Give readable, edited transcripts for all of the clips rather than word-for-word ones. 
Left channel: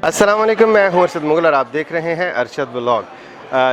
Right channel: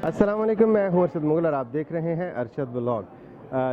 अस्सलाम वालेकुम, मैं हूं अरशद मुगल और आप देख रहे हैं अरशद व्लॉग।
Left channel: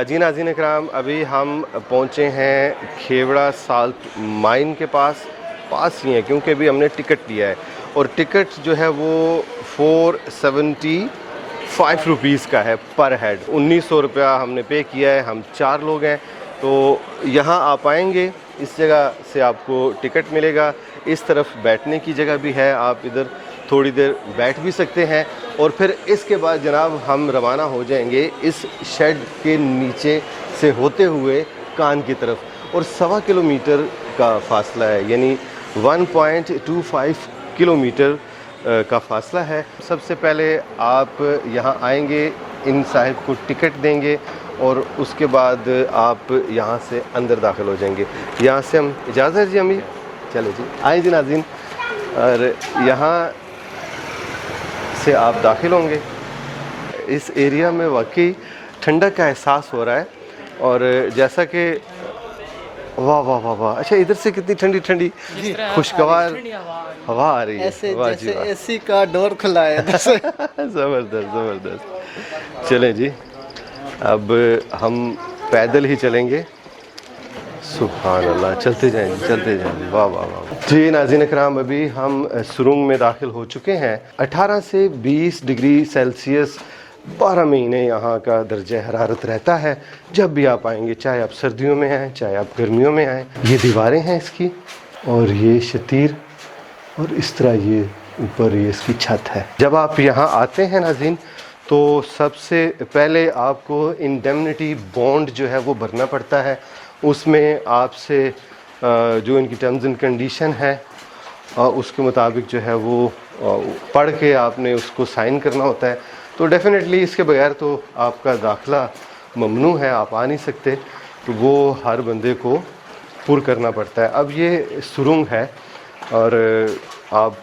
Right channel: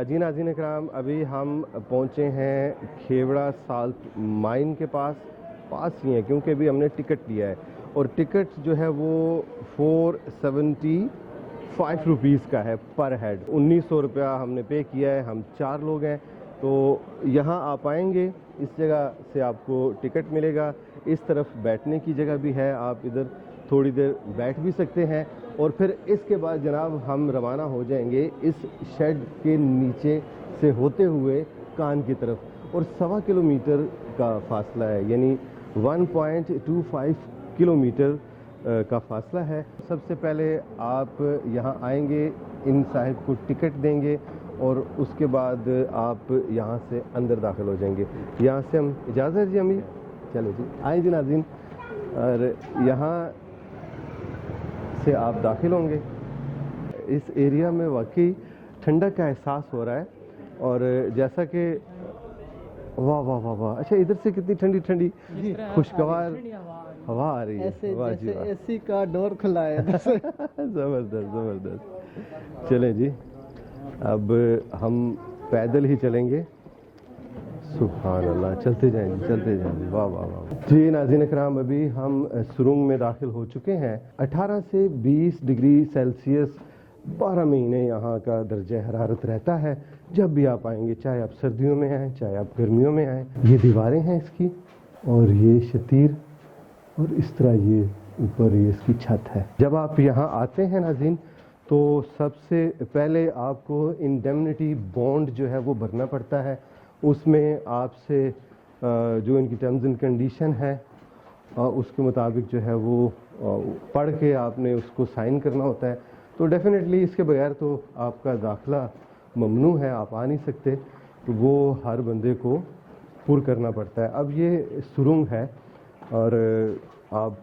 जी नाज़रीन इकराम, अभी हम पहुंचे हैं खेवड़ा साल्ट माइन के पास ही हैं, क्योंकि अभी हमने टिकट लिया है और टिकट जो है वो 475 रुपीज़ का है पर हेड। 1900 रुपया हमने पे किया है, हम 4 लोग हैं। तो यहाँ आप आएंगे, इस जगह से आपको टिकट मिलेगा। इस तरफ बैठने की जगह भी है, आप इधर थोड़ी देर बैठ भी सकते हैं। और फिर इसके बाद जनाब हम रवाना हो जाएंगे इस शेड के नीचे से होते हुए कान की तरफ, और 1.25 किलोमीटर का फासला है, यानी 1.25 किलोमीटर का फासला है। सबसे पहले आप यहाँ आएंगे, इन साहिब को टिकट देंगे और उसके बाद आप यहाँ से अंदर दाखिल हो जाएंगे। यहाँ से हम इजाज़त है जी अमीर, चलो जी आए जी नाज़रीन। और यहाँ से आप दाखिल होंगे। इस एरिया में वाकई ठंडक का एहसास हो रहा है। और जैसा कि वाह वाह वाह वाह, अच्छा इधर से कितनी ठंडी ठंडी खुशगवार हवा आ रही है, ऐसे वाह जैसे जी वाह। एसी का डोर खुला है। ज़बरदस्त ज़बरदस्त। चलें जी, अब हम पैदल ही चलेंगे। सुभान अल्लाह, चलते जाएं चलते जाएं, वाह वाह वाह। जी नाज़रीन इकराम, अभी हम सुरंग में दाखिल हो चुके हैं। 18 से 20 डिग्री सेल्सियस 12 महीने यहाँ का दर्जा हरारत रहता है जब भी आप आएंगे, चाहे आप सर्दियों में आएँ चाहे आप गर्मियों में आएँ। ये दीवारें हैं इसकी, और ये शतीर, और इस तरह ये ऊपर ये इसकी छत है। जब आप यहाँ आते हैं नाज़रीन, तो सबसे पहले आपको इंडेमनिटी बॉन्ड जो है वो भरना पड़ता है। उसमें आपसे जो इनकी टर्म्स एंड कंडीशन है उसके मुताबिक जो है वो पढ़ के आपने उसको साइन करना होता है। तो डेफिनेटली इसके बगैर तो आपका दाखिला ममनू है, आप आ नहीं सकते, तो वो हर बंदे को पुर करना पड़ता है। अब ये सुरंग है और आप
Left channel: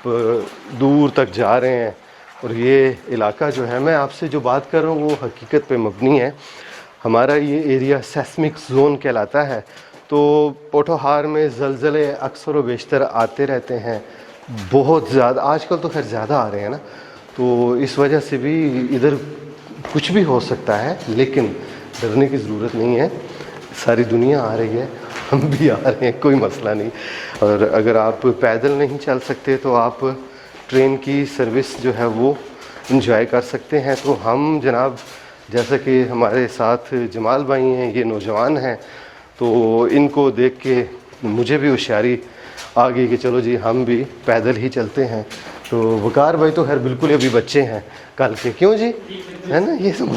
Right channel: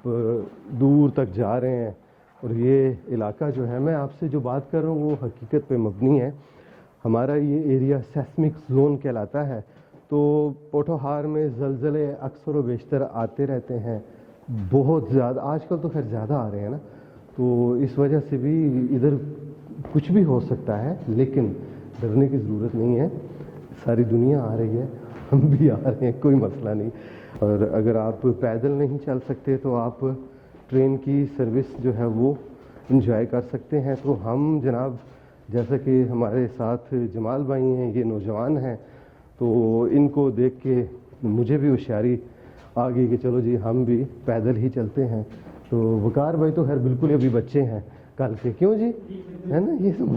दूर तक जा रहे हैं, और ये इलाका जो है, मैं आपसे जो बात कर रहा हूँ वो हकीकत पे मबनी है। हमारा ये एरिया सेस्मिक ज़ोन कहलाता है। तो पोठोहार में ज़लज़ले अक्सर व बेशतर आते रहते हैं, बहुत ज़्यादा, आजकल तो खैर ज़्यादा आ रहे हैं ना, तो इस वजह से भी इधर कुछ भी हो सकता है, लेकिन डरने की ज़रूरत नहीं है। सारी दुनिया आ रही है, हम भी आ रहे हैं, कोई मसला नहीं। और अगर आप पैदल नहीं चल सकते तो आप ट्रेन की सर्विस जो है वो इंजॉय कर सकते हैं। तो हम जनाब, जैसा कि हमारे साथ जमाल भाई हैं, ये नौजवान हैं, तो इनको देख के मुझे भी होशियारी आ गई कि चलो जी हम भी पैदल ही चलते हैं। तो वकार भाई तो खैर बिल्कुल अभी बच्चे हैं कल के, क्यों जी, है ना, ये सब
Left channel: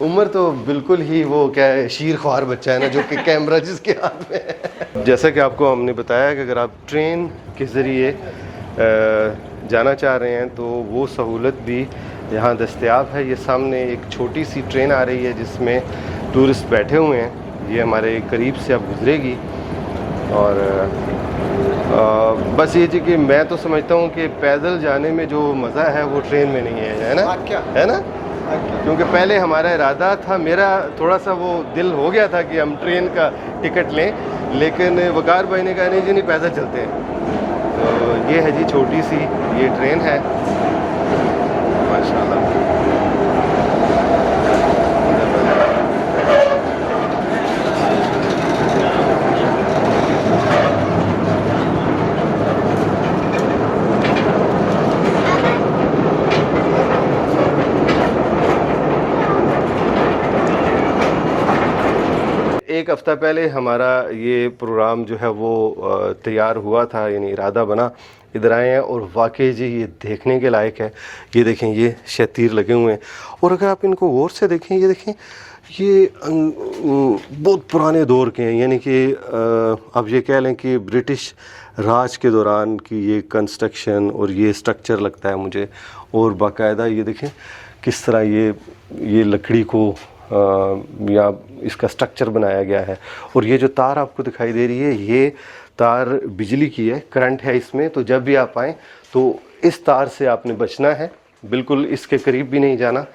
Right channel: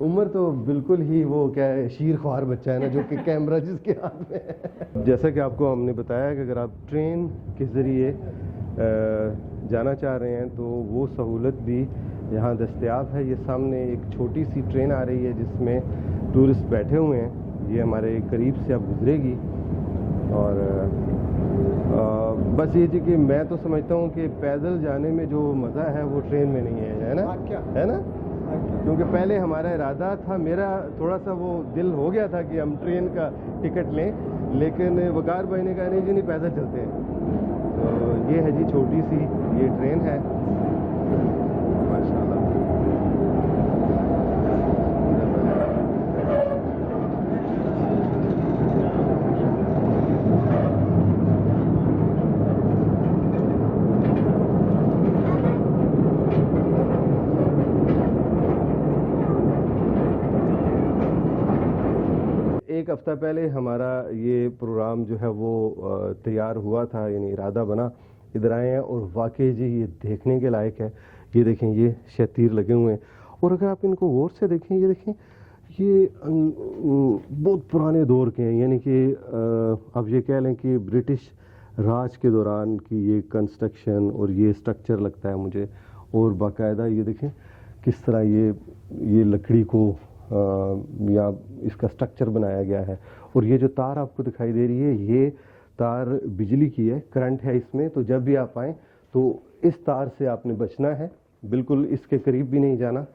उम्र तो बिल्कुल ही वो क्या है, शीर ख्वार बच्चा है ना, जो कि कैमरा जिसके हाथ में है। जैसा कि आपको हमने बताया कि अगर आप ट्रेन के ज़रिए जाना चाह रहे हैं तो वो सहूलत भी यहाँ दस्तयाब है। ये सामने एक छोटी सी ट्रेन आ रही है जिसमें टूरिस्ट बैठे हुए हैं, ये हमारे करीब से अब गुजरेगी। और बस ये जी कि मैं तो समझता हूँ कि पैदल जाने में जो मज़ा है वो ट्रेन में नहीं है ना, है ना, क्योंकि पहले हमारा इरादा था, मेरा थोड़ा सा वो दिल हो गया था कि हम ट्रेन का टिकट लें, लेकिन वकार भाई ने कहा नहीं जी, नहीं पैदल चलते हैं। तो ये है जी छोटी सी ये ट्रेन है, माशाल्लाह। एक हफ़्ता पहले हमारा ये प्रोग्राम जो है वो तैयार हुआ था, यानी इरादा बना, इधर आए हैं और वाकई जी ये देखने के लायक है। ये देखें, ये शतीर लगे हुए हैं, और अगर आप इनको गौर से देखें, ये देखें, ये बहुत पुराने दौर के हैं, यानी कि अब ये कह लें कि ब्रिटिश राज के दौरान की ये कंस्ट्रक्शन और ये स्ट्रक्चर लगता है मुझे। और बाकायदा ये देखें किस तरह ये लकड़ी को या इसका स्ट्रक्चर बनाया गया है। और ये जो तार आपको दिखाई दे रही है, ये तार बिजली की है, करंट है इसमें। तो जब भी आप आएँ तो इस तार से आपने बचना है, बिल्कुल इसके करीब भी नहीं जाना।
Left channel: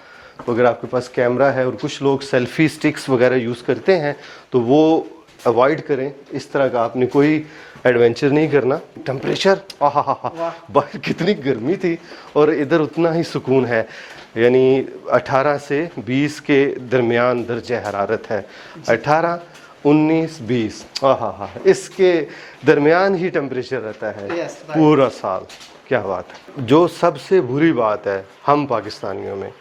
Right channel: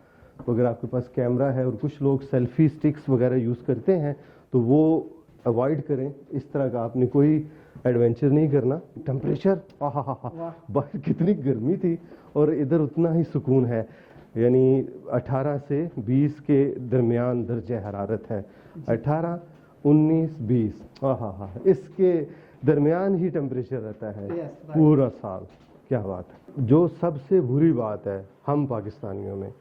तो अगर आपके पास कैमरा है, और कुछ लोग सेल्फ़ी स्टिक्स वगैरह यूज़ करते हैं, तो वो अवॉइड करें, इस तरह का आपने कोई एडवेंचर नहीं करना। टेम्परेचर बाहर कितनी गर्मी थी और इधर उतना ही सुकून है, यानी 18 से 20 के दरमियान दर्जे हरारत है। 18, 19, 20 इसके दरमियान ही टेम्परेचर रहता है पूरा साल। क्या बात है। जो सबसे बुरी बात है हम पाकिस्तानियों में,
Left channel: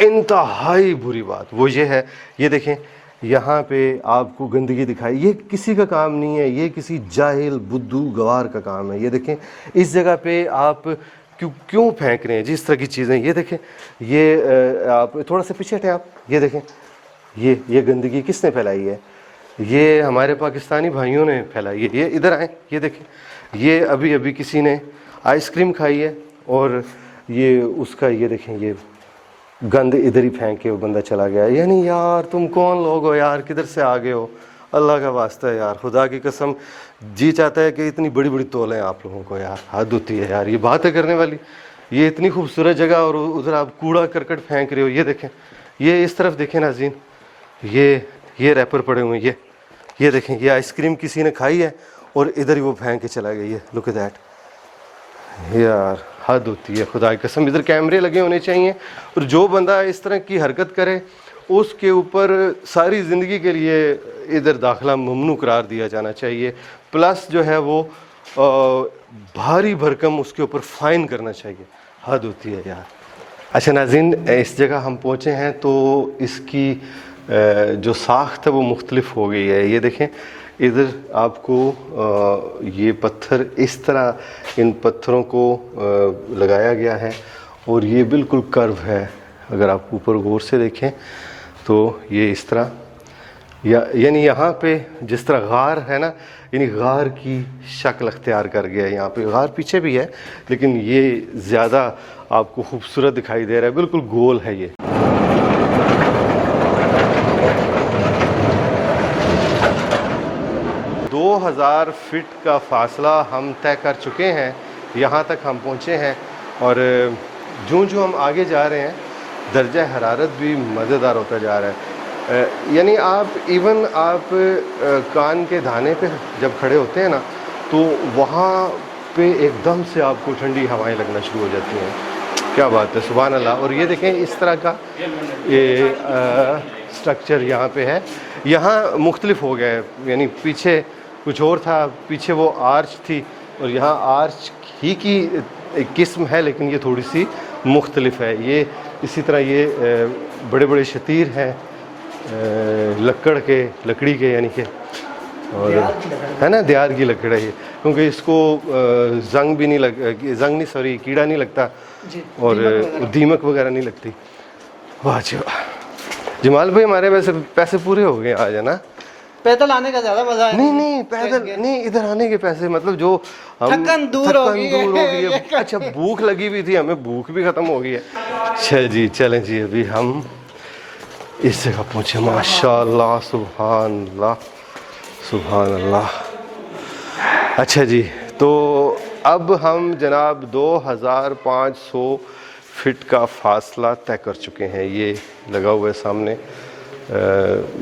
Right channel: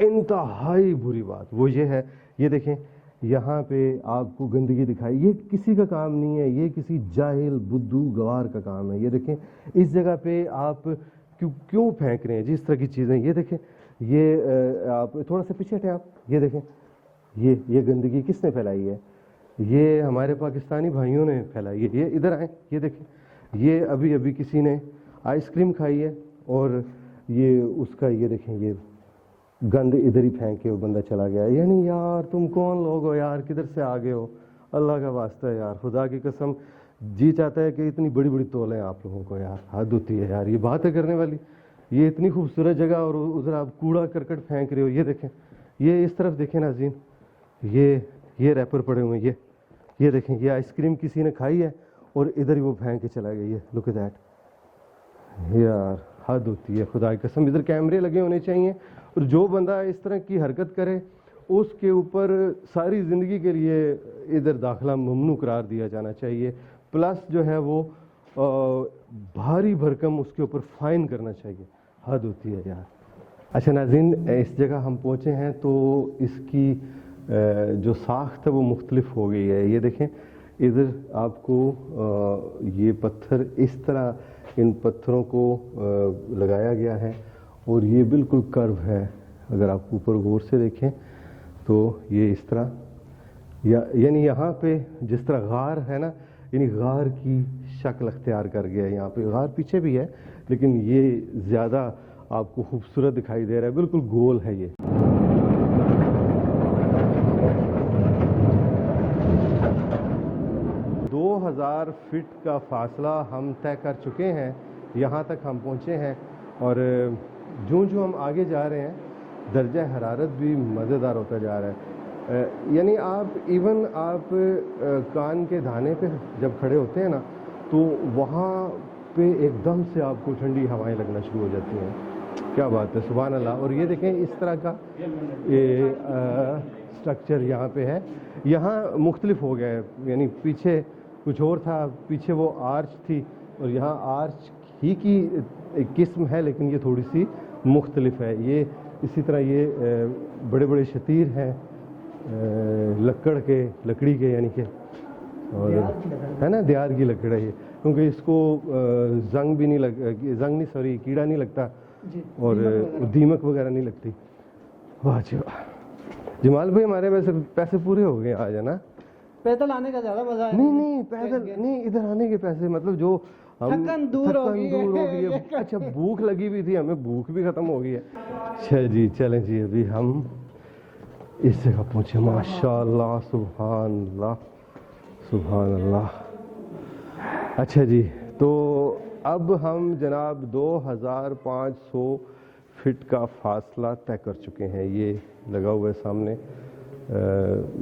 इंतहाई बुरी बात, वो ये है, ये देखें यहाँ पे आपको गंदगी दिखाई, ये किसी का काम नहीं है, ये किसी जाहिल बुद्धू गवार का काम है। ये देखें इस जगह पे आप क्यों फेंक रहे हैं जिस तरह की चीज़ें। ये देखें, ये आप थोड़ा सा पीछे हटें आप, ये देखें ये गंदगी किसने फैलाई है? ये हमारे पाकिस्तानी भाइयों ने फैलाई है। ये इधर आए, ये देखें, ये अभी अभी किसी ने आइसक्रीम खाई है और ये उसका, ये देखें, ये गंद इधर ही फेंक के वो बंदा चला गया। यानी यार तुम कौन लोग हो यार, किधर से आ गए हो? अल्लाह का वास्ता है यार, खुदा की कसम जी चाहता है कि इतनी बड़ी बड़ी तौलें आप लोगों को यार, हद होती है यार, ये बात है करने वाली। ये इतनी खूबसूरत जगह और उधर आप कूड़ा करकट फेंक रहे हो। ये देखें, ये इस तरफ देखें नाज़रीन, ये रैपर पड़े हुए हैं, ये देखें, ये आइसक्रीम किसी ने खाई है और इधर ही वो फेंक के चला गया। ये लुक एट दैट यार, हद होती है खुदा की कसम। इधर कैमरे लगे होने चाहिए और जो बंदा इस तरह की हरकत करे उसके ऊपर सारी ज़िंदगी के लिए इधर दाखिला ममनू करार दिया जाना चाहिए, प्लस जो है वो भारी भरकम उसके ऊपर फ़ाइन करना चाहिए। हद होती है यार। अच्छा नाज़रीन, इस जगह हम पहुँचे हैं तो इसकी जो साख्त है वो मुख्तलिफ हो गई है। ये देखें इधर आपको ये पत्थर इस तरह, इन पत्थरों को लगाया गया है और ये बिल्कुल कर्व है। अगर आप ऊपर गौर से देखें तो ये इस तरह, यानी यहाँ पे जिस तरह गार है ना, यानी गार की शक्ल अख्तियार कर गया है। यहाँ पे गार पीछे भी है लेकिन ये ज़्यादा आपको खूबसूरत दिखाई दे रहा है, बिल्कुल गोल है ये। 2000 फीट का फासला हम तय कर चुके हैं, यहाँ तक हम पहुँचे हैं और जो हम आगे जा रहे हैं दर्जा हरारत भी मज़ेदार होता जा रहा है। यानी आप कान के धाने पे जब खड़े होते हैं ना तो वहाँ पे एकदम से आपको ठंडी हवाएं लगना शुरू हो जाती हैं। क्या बात है, सुभान अल्लाह। और ये देखें इस तरह का ये स्ट्रक्चर यहाँ पे है। यहाँ मुख्तलिफ हो गया है, यानी पीछे कुछ और था, पीछे वो आर्च थी और यहाँ आर्च ही की एक किस्म है लेकिन ये थोड़ी सी मुख्तलिफ है। ये इसी तरह ये बड़े बड़े शतीर हैं लकड़ी के यानी कि, और है ना, दियार की लकड़ है ये, क्योंकि इसको कीड़ा नहीं लगता और दीमक वगैरह नहीं लगती। वाह जी वाह। जमाल भाई हमारे वैसे पैसे पूरे हो गए आज, है ना? पैदल आने का ज्यादा मजा है। नहीं पैदल नहीं, इधर आने के पैसे, मतलब जो हम थकन दूर हो गई है। अच्छा भूख लगी हुई थी, हमें भूख भी खत्म हो गई है। अच्छा जी चलें जी, अभी हम इस जगह पहुँचे। माशाअल्लाह, सुभान अल्लाह, सुभान अल्लाह। अच्छा जी, तो अब हम जनाब 2500 फीट का फासला तय कर चुके हैं। ये लगा हुआ है सामने,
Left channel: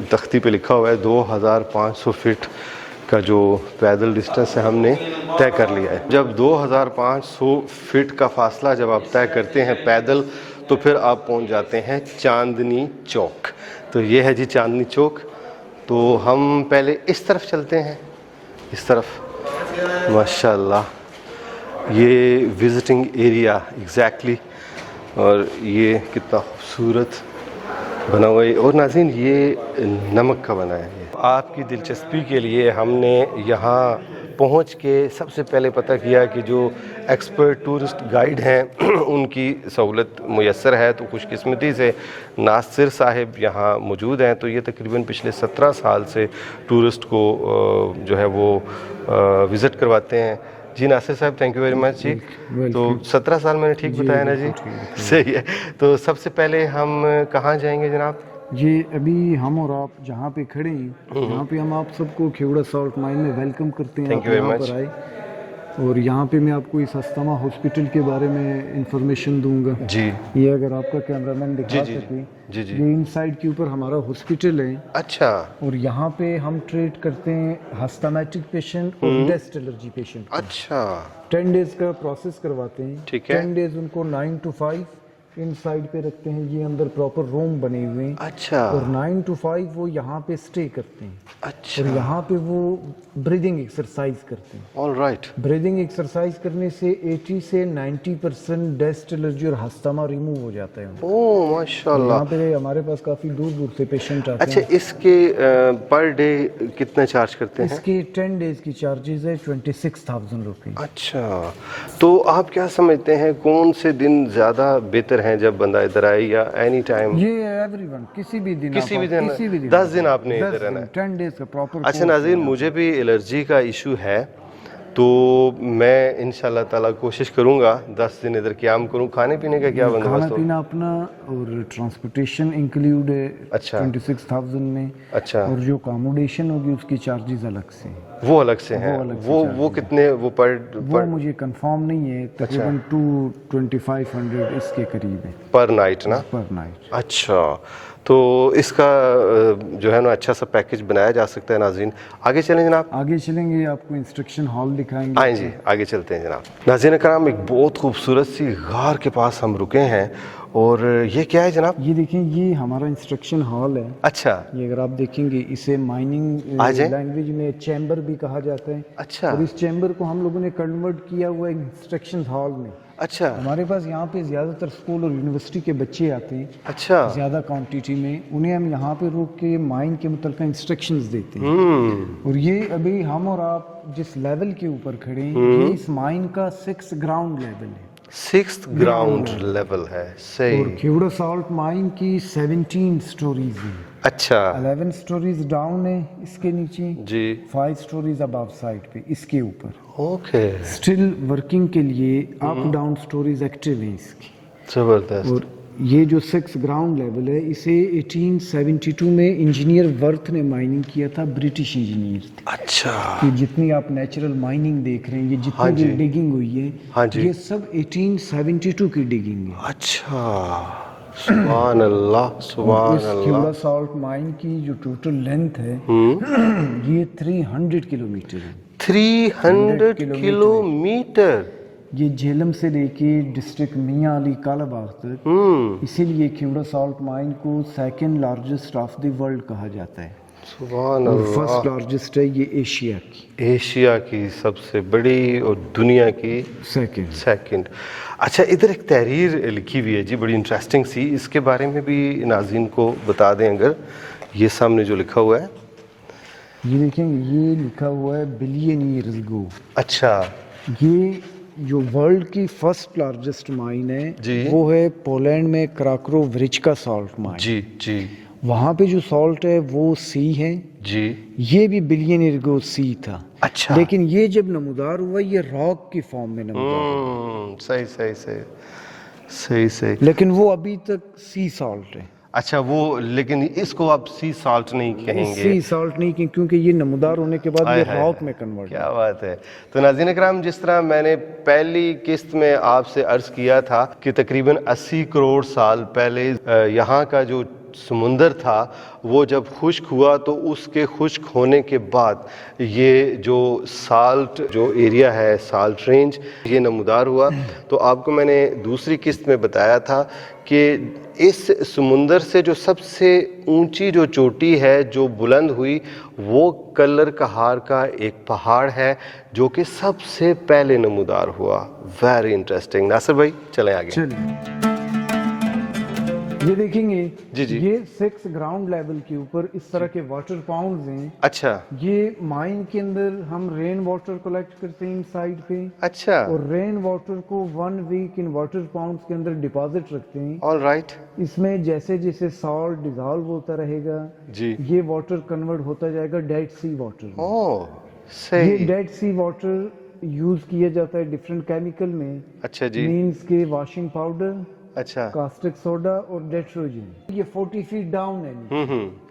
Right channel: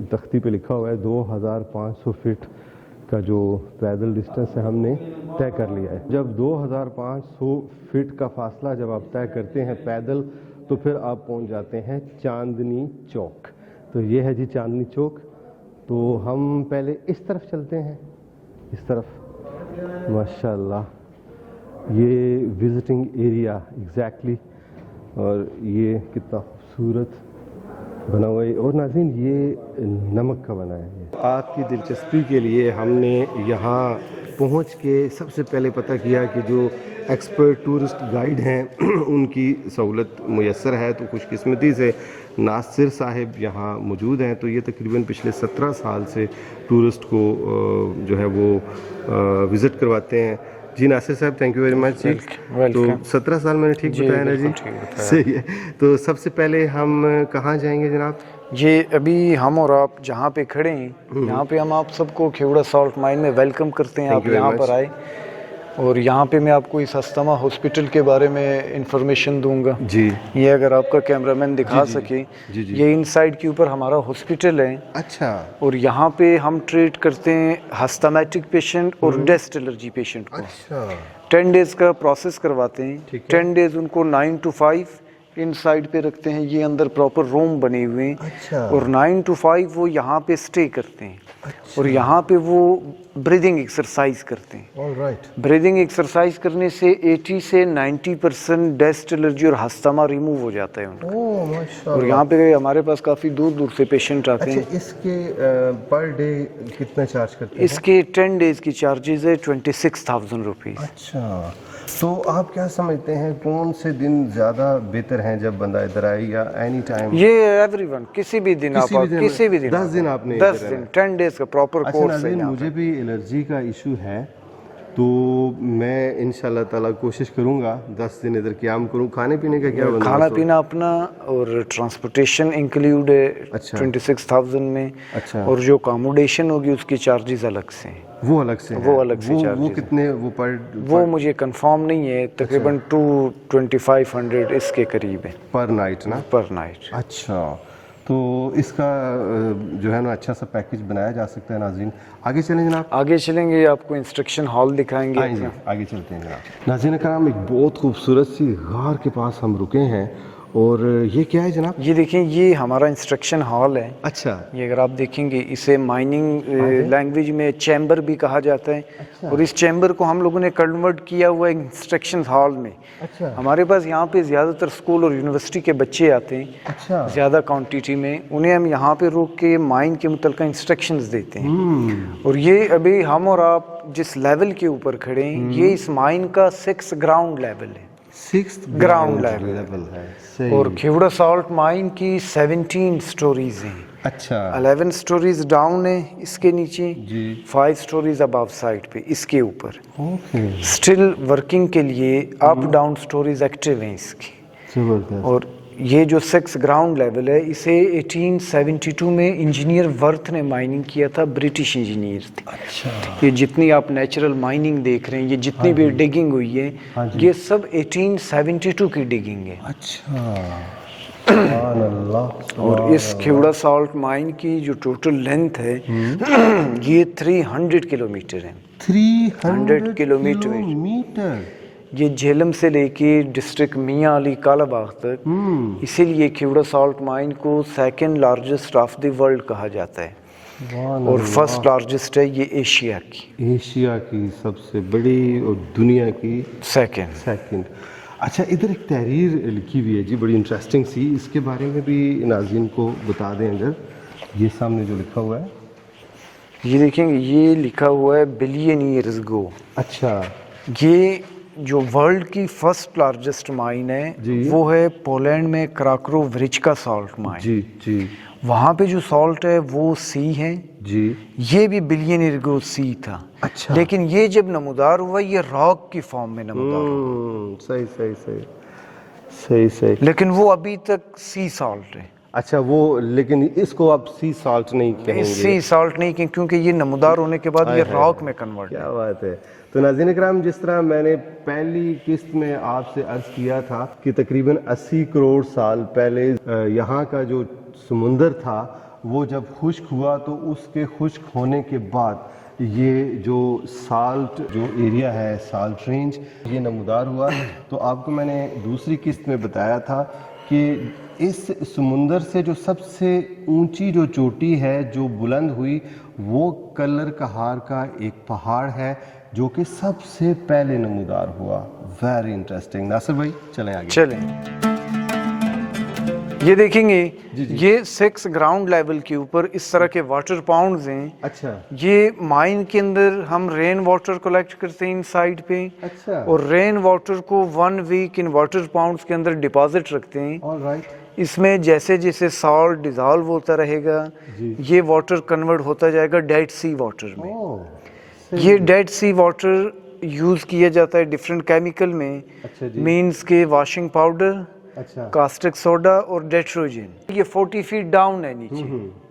तख्ती पे लिखा हुआ है 2500 फीट का जो पैदल डिस्टेंस है हमने तय कर लिया है। जब 2500 फीट का फासला जब आप तय करते हैं पैदल तो फिर आप पहुंच जाते हैं चांदनी चौक। तो ये है जी चांदनी चौक। तो हम पहले इस तरफ चलते हैं, इस तरफ। माशाअल्लाह ये विज़िटिंग एरिया एग्जैक्टली, और ये कितना खूबसूरत बना हुआ है। और नाज़रीन ये नमक का बना है। ये आपकी दिलचस्पी के लिए हमने यहाँ पहुँच के सबसे पहले पता किया कि जो एक्सपर्ट टूरिस्ट गाइड हैं उनकी सहूलत मुयस्सर है। तो खुशकिस्मती से नासिर साहिब यहाँ मौजूद हैं। तो ये तकरीबन पिछले 17 साल से टूरिस्ट को जो है वो विज़िट करवाते हैं। जी नासिर साहब, थैंक यू वेरी मच जी। तो 17 साल मैंने ठीक बताया ना जी? सही है। तो सबसे पहले हम कहाँ जाएंगे जनाब? जी अभी हम और आप जहाँ पे खड़े हैं यहाँ पे हम आप सबको खेवड़ा सॉल्ट माइन में वेलकम करते हैं। आप यहाँ पर आए और यहाँ पे मैं आपको इस हस्तमा हॉस्पिटल के बारे में इंफॉर्मेशन दूंगा। जी ये अगर आपका कैमरामैन दिखा सके, जी जी। ये इनसाइड के ऊपर हमारा हॉस्पिटल है अच्छा और यहाँ पे हम ट्रीट करते हैं हस्तमेटिक पेशेंट और डस्ट एलर्जी पेशेंट को। अच्छा 10 डेज का प्रोसेस करवाते हैं। ठीक है। 10 डेज उनको 9 to 5 इन साइड पे रखते हैं। ये अंदर प्रॉपर रूम बने हुए हैं अच्छा और 9 to 5 वो यहाँ पे स्टे करते हैं अच्छा और यहाँ पे वो ब्रीदिंग एक्सरसाइज करते हैं। ऑल राइट ब्रीदिंग एक्सरसाइज करने से 80 से 90% डस्ट एलर्जी और हस्तमा रिमूव हो जाता है उनका। ओह और माशाल्लाह। यहाँ पे हमारे पास काफ़ी दूर दूर से पेशेंट आते अच्छा हैं। इसके पर डे कितना चार्ज करते हैं? इसके 10 डेज की चार्जेस है 26,000 रुपीज़। अच्छा तो आप क्या समझते हैं कौन से दिन ज़्यादा बेहतर हैं जब बंदा इधर आए या एनी टाइम? ये एवरीवन किसी भी दिन किसी आप भी दिन किसी भी दिन 10 दिन आपने 10 इधर रहना दिन 10 डेज का प्रॉपर। अच्छा नाज़रीन, मुझे भी एलर्जी का इशू है तो मैं इंशाल्लाह ताला कोशिश करूंगा 10 दिन इधर क़याम करूं। खाने पीने का क्या बंदोबस्त खाना होगा? पीना अपना और ट्रांसपोर्टेशन इंक्लूड है अच्छा। 26,000 में। अच्छा और जो अकोमोडेशन होगी उसकी चार्जेस अलग से हैं। वो अलग से हैं? वो अलग से वो charges कितने वो वो मुझे कंफर्म नहीं है, तकरीबन 2500 इसके करीब है पर नाइट ना? पर नाइट। अच्छा तो इसका जो है ना अच्छा सा पैकेज बनाया जा सकता है। नाज़रीन आगे चलें जनाब। आगे चलेंगे, आपको इंस्ट्रक्शन हॉल दिखाएंगे। आए जी आगे चलते हैं जनाब। नाज़रीन कराम, एक बहुत खूबसूरत सी गार के पास हम रुके हैं और ये क्या है जनाब? ये देखें, ये हमारा इंस्ट्रक्शन हॉल है। अच्छा ये अगर आप देखेंगे इसे माइनिंग आ जाए। लैंग्वेज में चैम्बर भी कहा जाता है। अच्छा और इस चैम्बर को हम लोगों ने कन्वर्ट किया हुआ है इंस्ट्रक्शन हॉल में। अच्छा हमारे पास यहाँ पे ज़्यादातर स्कूल और यूनिवर्सिटी के बच्चे आते हैं अच्छा ज़्यादा क्वांटिटी में। उन्हें हम यहाँ पे रोक के माइन के मुतल्लिक़ इंस्ट्रक्शंस देते हैं। और ये अभी हम और आप जिस लेवल के ऊपर खड़े हैं, ये इस माइन का 6th ग्राउंड लेवल है। 6th ग्राउंड लेवल है। सही। और खेवड़ा साल्ट माइन की 17 स्टोरीज हैं। अच्छा 11 स्टोरीज डाउन है इसके नीचे जी 5 स्टोरीज अबव साइड पे इसके ऊपर। ओके स्टिल वर्किंग के लिए अप डाउन स्टोरीज एक्टिव हैं इसकी। ज़बरदस्त। और ये जो 6th ग्राउंड लेवल है, इसे 1872 में इंजीनियर वर्थ ने माइनिंग किया था, ब्रिटिश इंजीनियर थे। अच्छा ये जितनी आप नेचुरल माइनिंग देख रहे हैं, ये जितनी भी डिगिंग हुई है, हाँ जी। ये सब 1872 की डिगिंग है। अच्छा सुभान अल्लाह सुभान और इस अल्लाह। खेवड़ा साल्ट माइन की जो टोटल लेंथ है ये 300 किलोमीटर है। 300 किलोमीटर। किलोमीटर। ये झेलम से लेके डिस्ट्रिक्ट मियाँ अली कालाबाग तक। इसीलिए खेवड़ा साल्ट माइन को 2nd largest of the world कहा जाता है। सुभान और अल्लाह। 1st लार्जेस्ट है ये एशिया की। एशिया की सबसे बड़ी और दुनिया की 2nd। अच्छा इधर एक तहरीर लिखी हुई है जी, बड़ी इंटरेस्टिंग सी, इसके बारे में भी नाज़रीन को बता दें अगर। ये सामने जो लिखा हुआ है, ये देखेंगे, ये लिखा हुआ है बिलियन ईयर्स गो। अच्छा ये जो वर्ल्ड की 1st लार्जेस्ट माइन है जी। वो है पोलैंड में क्राक्रो व्रिचका साल्ट माइन। जी जी वहाँ पे जो सॉल्ट है वो सी है। जी। ये भी बिलियन ईयर गो सी था। अच्छा। लेकिन ये जब नमूदार हुआ, ये रॉक की फॉर्म में नमूदार हुआ। सही सही सही सही सही। लेकिन वो अभी तक सी सॉल्ट है। अच्छा वो, लेकिन इसको आप सी साल्ट नहीं कहेंगे? सी सॉल्ट नहीं, क्योंकि ये नमूदार होने के बाद ये रॉक में कन्वर्ट है। क्या बात है। तो नाज़रीन इकराम, जिस तरह मैंने पहली किस्त में आपसे अर्ज़ किया था कि तकरीबन 80 करोड़ साल पहले यहाँ का जो समुंदर था वो जब खुश्क हुआ, तो उसके खुश्क होने के बाद ये जो साल्ट जो एरिया है, साल्ट रेंज, ये नमूदार हुआ। तो आपको मैंने दूसरी किस्त में बताया था कि इस समुंदर से जो सबसे ऊंची जो चोटी है जो बुलंद हुई, वो कलर कहार का एक पहाड़ है जो कि सबसे पहले नमूदार हुआ। Very interesting. नासिर भाई चलें आगे। चलें, ये देखेंगे जी जी। ये 6 ग्राउंड लेवल के ऊपर इस तरह के वाटर पाउंड्स हैं। अच्छा ये माइन के अंदर हम रेन वाटर कलेक्ट करते हैं इन साइड पे। अच्छा। और रेन वाटर को 1 वीक इन वाटर पाउंड्स के अंदर डिपॉजिट रखते हैं। All right. इसमें जैसे जैसे सॉल्ट डिजॉल्व होता रहेगा, जी। ये वाटर कन्वर्ट होता जाएगा डेड सी वाटर में। ओह सही। ये डेड सी वाटर यूज किया जाता है डिफरेंट केमिकल में। अच्छा जी। मीन्स के वॉशिंग पाउडर, अच्छा कास्टिक सोडा और डेट्रोजन। ये 40 फीट डाउन है नीचे।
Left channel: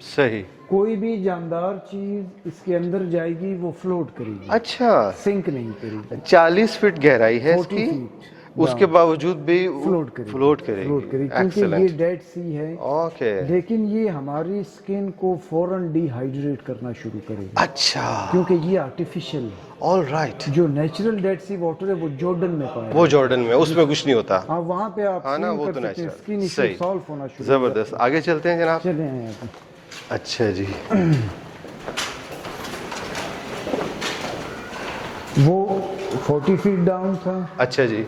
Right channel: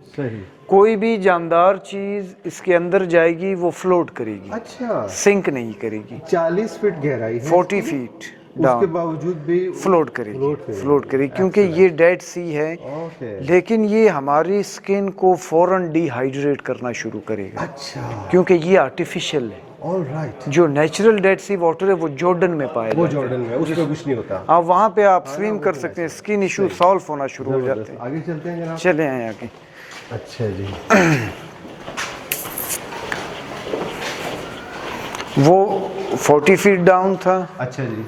सही। कोई भी जानदार चीज इसके अंदर जाएगी वो फ्लोट करेगी, अच्छा सिंक नहीं करेगी। 40 फीट गहराई है 40 इसकी, फीट उसके बावजूद भी फ्लोट करेगी, फ्लोट करेगी, फ्लोट करेगी क्योंकि ये डेड सी है। ओके। लेकिन ये हमारी स्किन को फौरन डिहाइड्रेट करना शुरू करेगा अच्छा क्योंकि ये आर्टिफिशियल है। All right. जो नेचुरल डेड सी वाटर है वो जॉर्डन में पाया वो जॉर्डन में, उसमें कुछ नहीं होता। आप वहाँ पे आप हाँ ना, स्विम वो कर तो सकते हैं, natural। स्किन इशू सही। सॉल्व होना शुरू हो जाता जबरदस्त। आगे चलते हैं जनाब। है। चले आए आगे। अच्छा जी। वो 40 फीट डाउन था। अच्छा जी,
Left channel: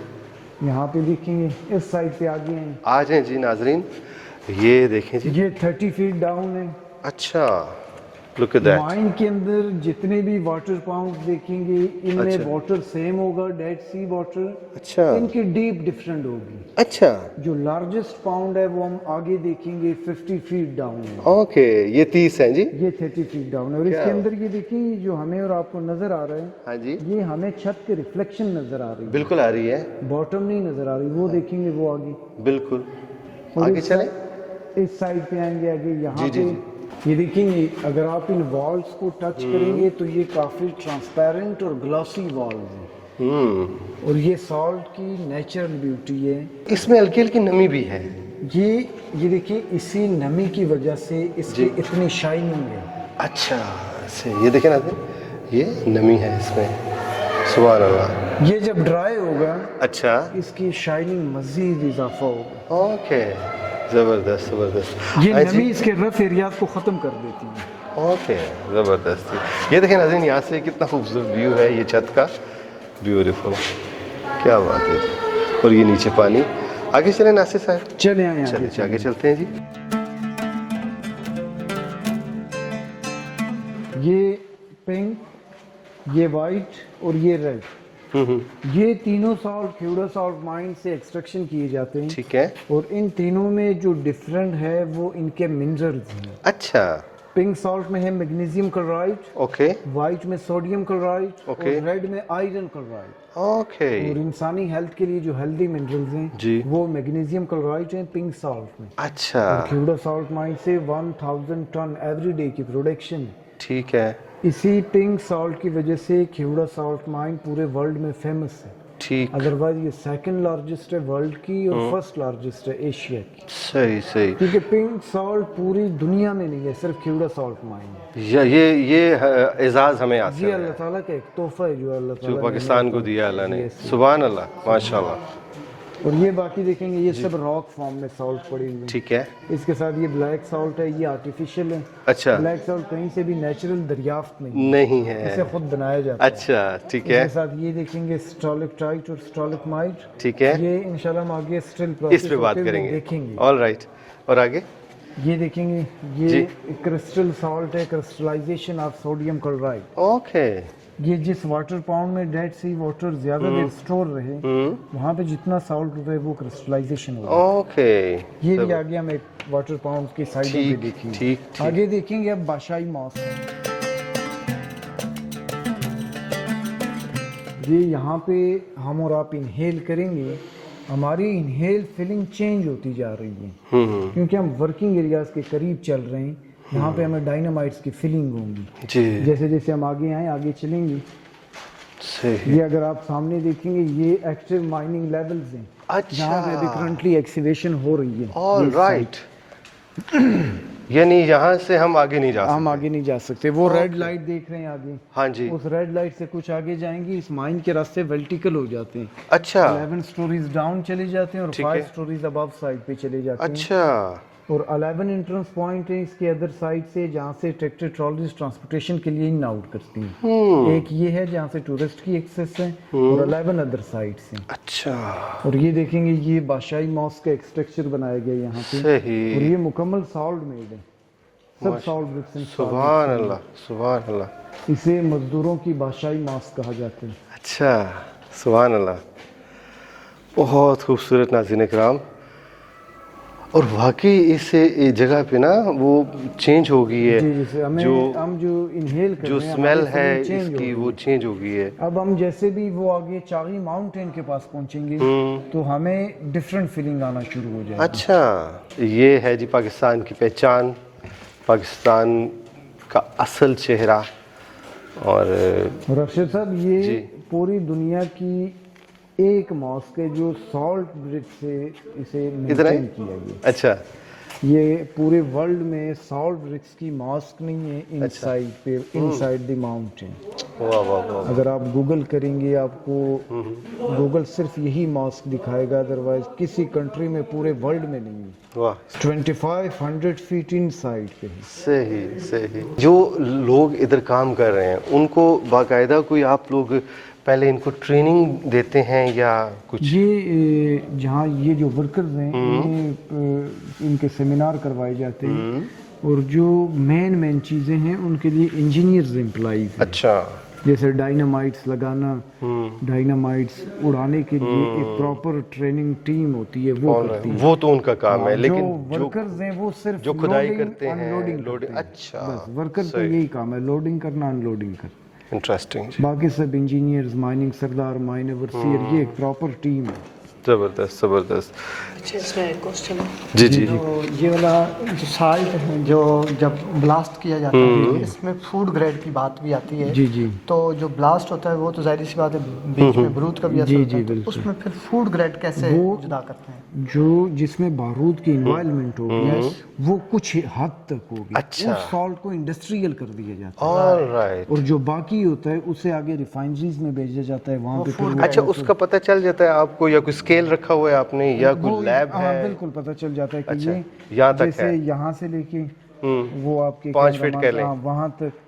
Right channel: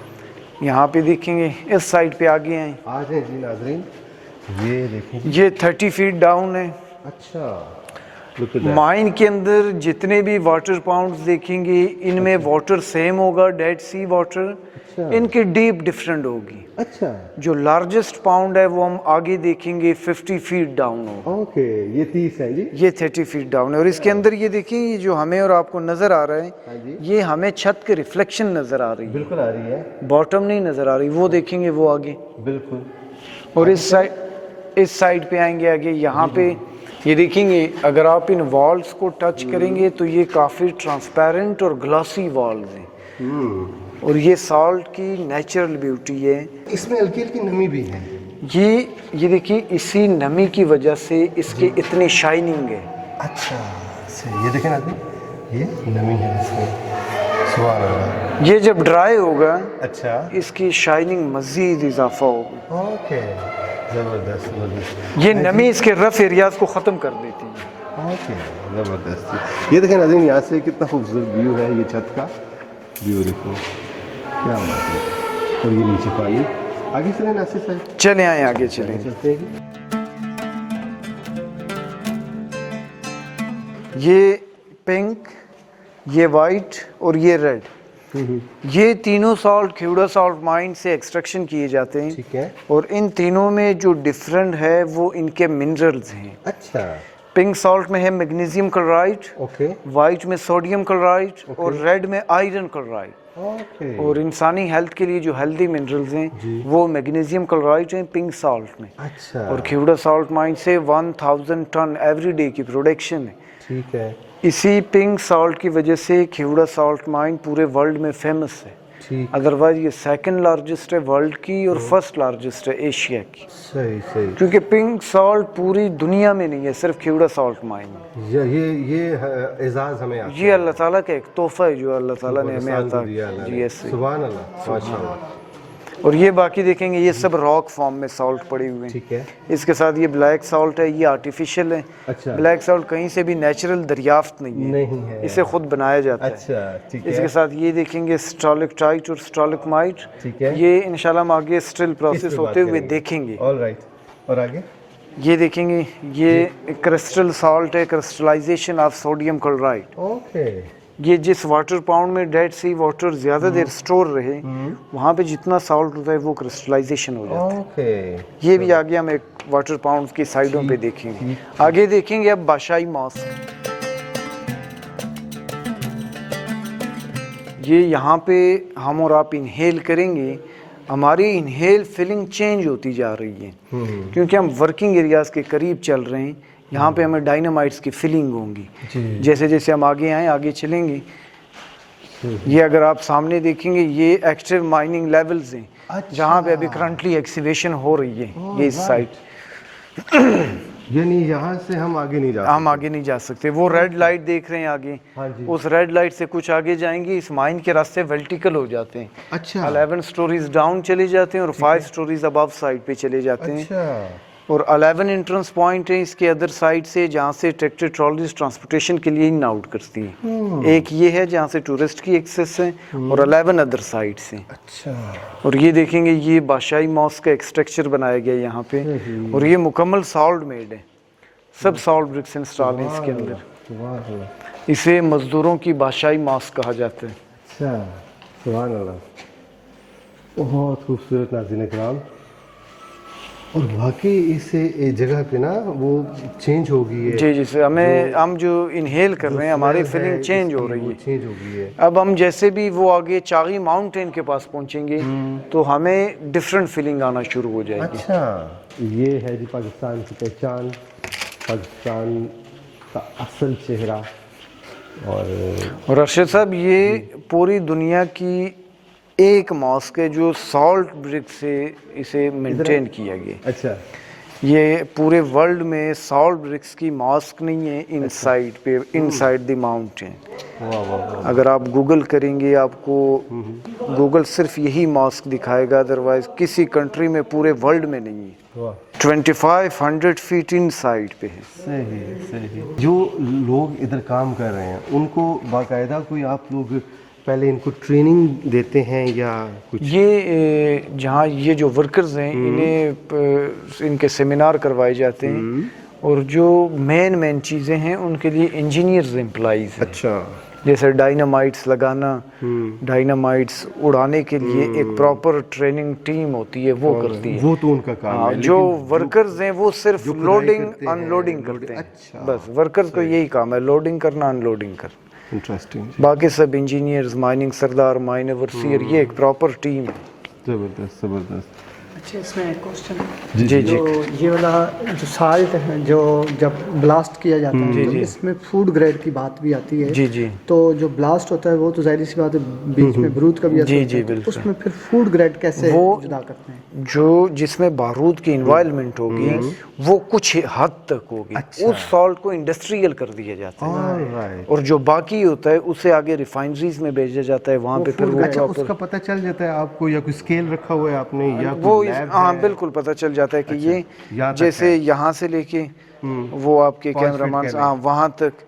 यहाँ पे देखेंगे इस साइड पे आगे हैं। आ जाएं जी नाजरीन, ये देखें जी। ये 30 फीट डाउन है। अच्छा लुक एट दैट। माइन के अंदर जितने भी वाटर पाउंड्स देखेंगे इनमें वाटर सेम होगा, डेड सी वाटर। अच्छा। इनकी डीप डिफरेंट होगी। अच्छा जो लार्जेस्ट पाउंड है वो हम आगे देखेंगे 50 फीट डाउन होगा। ओके, ये 30 है जी। ये 30 फीट डाउन है और इसके अंदर ये देखिए, ये जो हमें और आपको नजर आ रहा है, हाँ जी, ये हमें छत के रिफ्लेक्शन नजर आ रही है, बिल्कुल आ रही है, बॉटम नहीं नजर आ रही। वो देखेंगे वो आगे। बिल्कुल। और इस साइड पे आएंगे आगे, यहाँ पे ये देखेंगे अगर आप इन वॉल्स को टच करेंगे तो ये काफ़ी ट्रांसपेरेंट और ग्लॉसी वॉल्स हैं। और ये सॉल्ट की नेचुरल ब्यूटी है। इसमें हल्की हल्की नमी भी है। ये देखिए, इसी नमी की वजह से इसकी इतनी शाइनिंग है। अच्छा सही, ये देखें नाज़रीन, ये नमी है इसमें। सुभान अल्लाह। ये जब ड्राई होगा अच्छा, इसकी शाइनिंग मजीद इजाफा होगा। ओके, ज़बरदस्त ज़बरदस्त। ये नमी इसके रफ एरियाज को ख़त्म कर देती है। ओके ज़बरदस्त। ये देखें नाज़रीन, यहाँ से कितना खूबसूरत व्यू है ये छत का, ब्यूटीफुल, क्या बात है। और ये नीचे पानी। आगे चलें नासिर साहब। चले आए आगे, आगे चले। चलते हैं जी। ये पिंक, ये वाइट और ये रेड, ये तीनों सॉल्ट खेवड़ा सॉल्ट माइन से एक्सट्रैक्शन किए जाते हैं। ठीक है। और इन तीनों में जो डिफरेंट है वो इनके मिनरल्स हैं। अच्छा। पिंक सॉल्ट में है मैग्नीशियम क्लोराइड, ओके वाइट में सोडियम क्लोराइड ओके। और रेड में आयरन क्लोराइड। ओके। और इंसानी हेल्थ के लिए जो हेल्दी मिनरल्स हैं जी। वो मैग्नीशियम क्लोराइड हैं पिंक सॉल्ट में। अच्छा। और खेवड़ा सॉल्ट माइन से 1000 टन एवरी डे की प्रोडक्शन है। ठीक है। इसी पिंक सॉल्ट की वजह से खेवड़ा सॉल्ट माइन पूरे वर्ल्ड में फेमस है। ठीक। अदरवाइज ये सेकंड लार्जेस्ट है वर्ल्ड की और फर्स्ट लार्जेस्ट है एशिया की। सही सही। क्योंकि पिंक सॉल्ट पूरी दुनिया में नहीं है, सिर्फ खेवड़ा सॉल्ट माइन है। ये एजाज हमें आता ये अल्लाह ताला का एक तोहफा है जो अल्लाह ताला ने पाकिस्तान को दिया अल्लाह ने। सुभान अल्लाह, माशाल्लाह। और ये बाकी देखेंगे ये सब रॉक फॉर्म में सॉल्ट पड़े हुए हैं। ठीक है। इसके साथ ये ब्लैक सॉल्ट है, ये आर्टिफिशियल है। अच्छा। ब्लैक सॉल्ट कहीं से भी नेचुरल दरियाफ्त नहीं है, इसे खुद बनाया जाता है। अच्छा ठीक है। इसके साथ ये देखेंगे स्टॉलेक्टाइट और स्टॉलेक्माइट। ठीक है। ये इंशाल्लाह हम आगे स्टिल प्रोसेस होते हुए देखेंगे। All right. और आगे ये देखेंगे, ये क्रिस्टल सॉल्ट है, crystallisation of sodium chloride. Okay. ये जिस वाटर पाउंड में डेड सी वाटर ज्यादा देर स्टोर रहे वहाँ पे जितना सॉल्ट होता है वो क्रिस्टलाइजेशन होता है। ओके। ये भी आगे हम एक वाटर पाउंड की साइडों पे देखेंगे। ठीक। आगे देखेंगे अब बाशाई मॉस। ये यहाँ पे हम और आप इनहेल करेंगे, हमारी इनहेल फीलिंग चेंज होती जा रही है क्योंकि हम वर्किंग एरियाज के करीब चल रहे हैं। यहाँ पे हमें डायनामाइट्स की फीलिंग होंगी जी। जैसे जैसे हम आगे आए आगे चलेंगे। सही। ये अगर आप सामने देखेंगे ये एक्टिव माइनिंग लेवल्स हैं। अच्छा। जहाँ पे अभी करंटली एक्सीवेशन हो रही है ये साइट। यानी यहाँ से हम आगे नहीं जा सकते। हम आगे नहीं जा सकते। वो रेड लाइट देख रहे हैं आगे, हाँ जी। उस रेड लाइट से कुछ आगे जाएंगे, इस माइन के रास्ते वर्टिकल हो जाते हैं। अच्छा। 11 स्टोरीज डाउन चले जाते हैं और 5 स्टोरीज अबव साइड पे चले जाते हैं। अच्छा। और 11 एंट्रेंस पॉइंट है इसके अदर साइड से जहाँ से ट्रैक्टर ट्रॉलीज ट्रांसपोर्टेशन के लिए इन आउट करती हैं। एक ये है जहाँ से टूरिस्ट की एक्सेस है और 11 अदर साइड से। अच्छा। और ये देखेंगे ये बादशाही मॉस्क का एक स्ट्रक्चर बनाया गया यहाँ पे सही। और ये मुकम्मल सॉल्ट मेड है, सब सॉल्ट ब्रिक्स इंस्टॉल है इसके अंदर। सुभान अल्लाह। इसे मजदूरों की बादशाही मॉस्क कहा जाता है। अच्छा। सुभान अल्लाह। बहुत खूबसूरत नाज़रीन इकराम, اور واقعی اس جگہ پہ نا وہ چینج ہو گئی ہے. جی جی سر, ہم جو انہیل کر رہے ہیں ہماری فیلنگ چینج ہو رہی وہ ہے. چینج ہو گئی ہے. اب ہم جیسے بھی وہ آگے چاغی ماؤنٹین کے پاس پہنچیں گے تو ہمیں ڈفرینٹ فیلنگ آنا شروع ہو جائے گی. اچھا, یہ ہے جی پاکستان کی پہچان, پاکستان کا اصل چہرہ. اور ارشد صاحب یہ پوری دنیا کی ایک ماسک ہے جو سالٹ برک سے اسے مینٹین کیا گیا. اچھا, یہ پورے ورلڈ میں سالٹ برکس کی ماسک نہیں ہے ان سائڈ پہ, ان سائڈ دی ماؤنٹین. اگر آپ گوگل کریں گے آپ کو گوگل صرف یہی ماسک دکھائے گا, ادروائز کسی کنٹری میں پورے ورلڈ میں نہیں ہے. 2500 فیٹ ان سائڈ پہ ہے. صحیح صحیح. جو لوگ ادھر کام کر رہے ہیں ان کو باقاعدہ کوئی آپ لوگ پہلے ان کو ٹریننگ دیتے ہیں یا کچھ؟ یہ جہاں یہ جو ورکرز ہیں انہیں ان کے سیمینار کروائے جاتے ہیں, اور جو مین چیزیں ہیں ان کے لیے انجینئرز امپلائیز ہیں. اچھا, جیسے ڈائنامائٹس لگانا, ڈائنامائٹس اڑانے کے لیے ایک پراپر ٹریننگ ٹیم ہوتی ہے, وہ کرتی ہے. وہ تو ان کا کام ہے. جو ورکرز ہیں وہ صرف لوڈنگ ان لوڈنگ کرتے ہیں. بس ورکر کو یہی کام ہے, لوڈنگ کرنا, ان لوڈنگ کرنا. انٹرسٹنگ. باقی سب انجینئرز, مائننگ سردار, مائن اوورسیئر, یہ ایک پراپر ٹیم ہے. زبردست زبردست. اچھا, اس میں ایک کوسچن جی جی جی. تو یہ والا جو سالٹ ہے جو جب بلاسٹ کیا جاتا ہے اس میں فوڈ گریڈ کی بات بھی آتی ہے. جی جی. تو جو بلاسٹ ہوتا ہے وہ تو ظاہر سی بات ہے بیچ میں بارود کا بھی اثر ہوتا ہے, اس میں پھر فوڈ گریڈ کیسے جدا کرتے ہیں؟ جو جس میں بارود کی انوائرمنٹ ہوگی وہ کچھ حد تک ہوگی. اس سالٹ کو انڈسٹریل کر دیا جاتا ہے, اور جو باقی ہوتا ہے اسے آگے ریفائنریز میں بھیجا جاتا ہے, وہاں پہ پھر. اچھا, اس کا پتہ چل جاتا ہے آپ کو, یا کوئی اسکیل رکھا ہوا ہے آپ نے, یا کوئی لیب ہے؟ ہاں بالکل پتہ چل جاتا ہے کہ یہ جیسے یہاں سے لے کے وہ آپ کے کیمرہ مین وہاں تک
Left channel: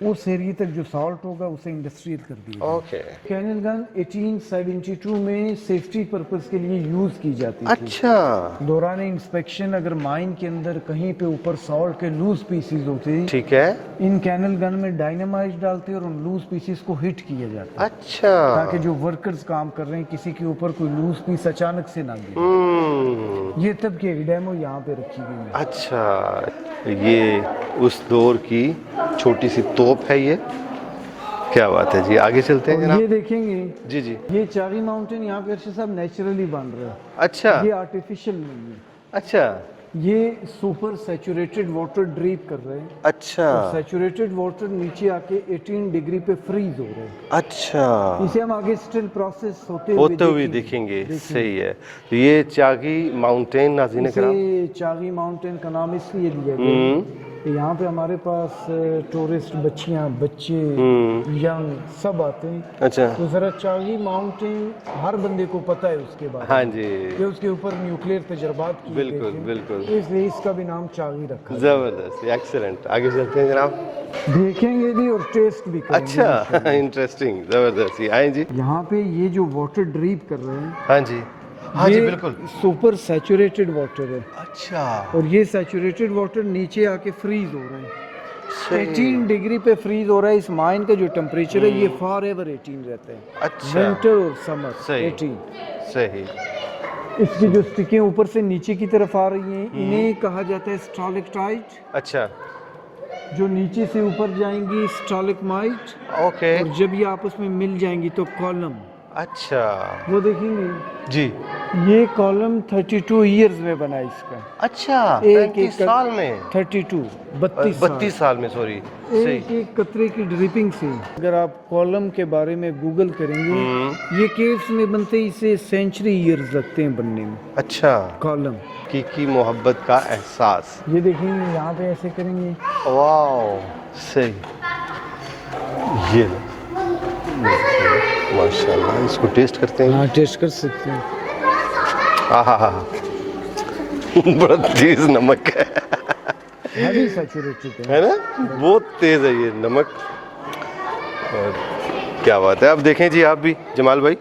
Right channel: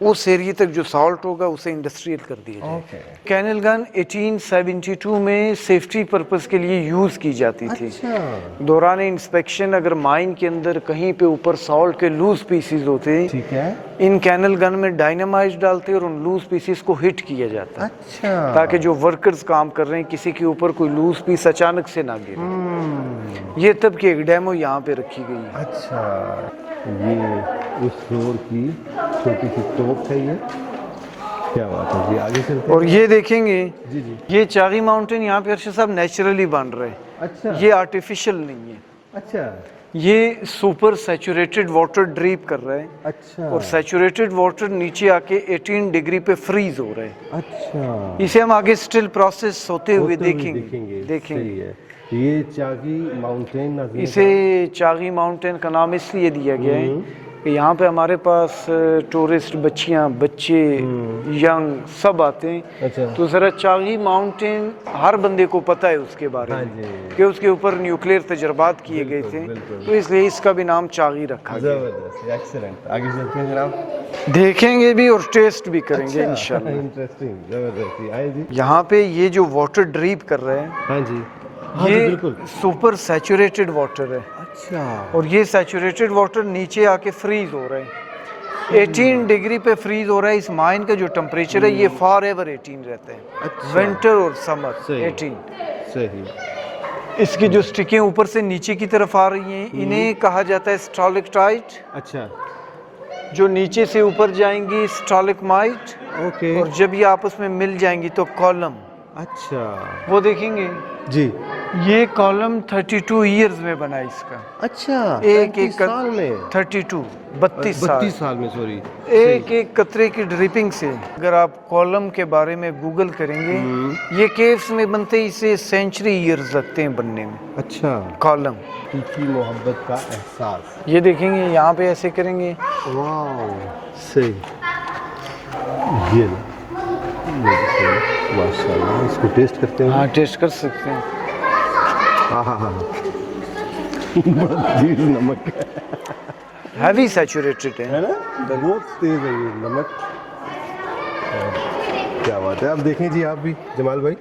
اس ایریے تک جو سالٹ ہوگا اسے انڈسٹریل کر دیا جائے. کینل گن 1872 میں سیفٹی پرپز کے لیے یوز کی جاتی تھی. اچھا. دوران انسپیکشن اگر مائن کے اندر کہیں پہ اوپر سالٹ کے لوز پیسز ہوتے ہیں, ٹھیک ہے, ان کینل گن میں ڈائنامائٹ ڈالتے اور ان لوز پیسز کو ہٹ کیا جاتا ہے. اچھا. تاکہ جو ورکرز کام کر رہے ہیں کسی کے اوپر کوئی لوز پیس اچانک سے نہ گرے. یہ تب کی ایک ڈیمو یہاں پہ رکھی گئی ہے. اچھا, یہ اس دور کی چھوٹی سی توپ ہے. یہ کیا بات ہے جی, آگے چلتے ہیں. اور یہ دیکھیں گے جی جی, یہ چاغی ماؤنٹین یہاں پہ ارشد صاحب نیچرلی بن رہے ہیں. اچھا, یہ آرٹیفیشل نہیں ہے. اچھا, یہ سپر سیچوریٹڈ واٹر ڈریپ کر رہے ہیں. اچھا, اور سیچوریٹڈ واٹر نیچے آ کے 18 ڈگری پہ فریز ہو رہے ہیں. اچھا, اسے ہم آگے سٹل پروسیس ہوتے ہوئے دیکھیں گے. صحیح ہے. یہ چاغی ماؤنٹین, اسے چاغی ماؤنٹین کا نام اس لیے دیا گیا ہے کہ یہاں پہ ہمارے پاس ٹورسٹ بچیاں, بچے, ینگ سب آتے ہیں. اچھا, تو ذرا چاغی ماؤنٹین ہر بندے کو پتہ ہے اس کے بارے میں کہ اس کے اوپر نیوکلیئر تجربات کیے گئے تھے, تو اس لیے اس کا بھی نام چاغی رکھا گیا. زبردست, ایکسلنٹ. آگے چلتے ہیں جناب. دیکھیں گے بھی اور ٹیسٹ بھی کریں گے. اچھا, انٹرسٹنگ, زبردست. آئیں جی. یہاں پہ یہ جو واٹر ڈریپ کر رہے ہیں, ہاں جی, یہ سپر سیچوریٹڈ واٹر ہے. اچھا, اور یہ سیچوریٹڈ واٹر نیچے آ کے فریز ہو رہا ہے. 18 ڈگری پہ فریز ہو رہا ہے. اس مائن کا جو ٹمپریچر ہے یہ فار ایور 18 رہتا ہے, ونٹر اور سمر 18. صحیح. اس کی جو سٹکیں اوپر سے نیچے کی طرف آ رہی ہیں انہیں کہا جاتا ہے سٹالکٹائٹ. اچھا, جو نیچے سے اوپر جائیں گی سٹالکمائٹ. اوکے. اور جب یہ آپس میں مل جائیں گی تو کالم. اچھا, وہ دیکھیں گے جی, یہ کالم 32 ایئرز میں بنا اس کا. اچھا, ایک سال میں 32 32 سال میں, سوری, ایک ایک قطرے کی ڈرپنگ سے. اگر آپ کالم کے بارے میں گوگل کریں گے, یہ کیوز میں بنتے اسے سینچری ایئرز لگتے ہیں بننے میں. اچھا, کالم کی محبت کا احساس. یہ دیکھیں گے یہاں پہ ایسے کریں گے. واو, صحیح. یہ ماشاء اللہ, اس کو ٹیسٹ کرتے ہیں. ہاں ٹیسٹ کر سکتے ہیں. ہاں, بڑا تیز نمک ہے. ہیوی سیچوریٹڈ ہے نا, بہت تیز ہے یہ نمک. کیا بات ہے. اب دیکھیں جی آپ بھی جمال بھائی,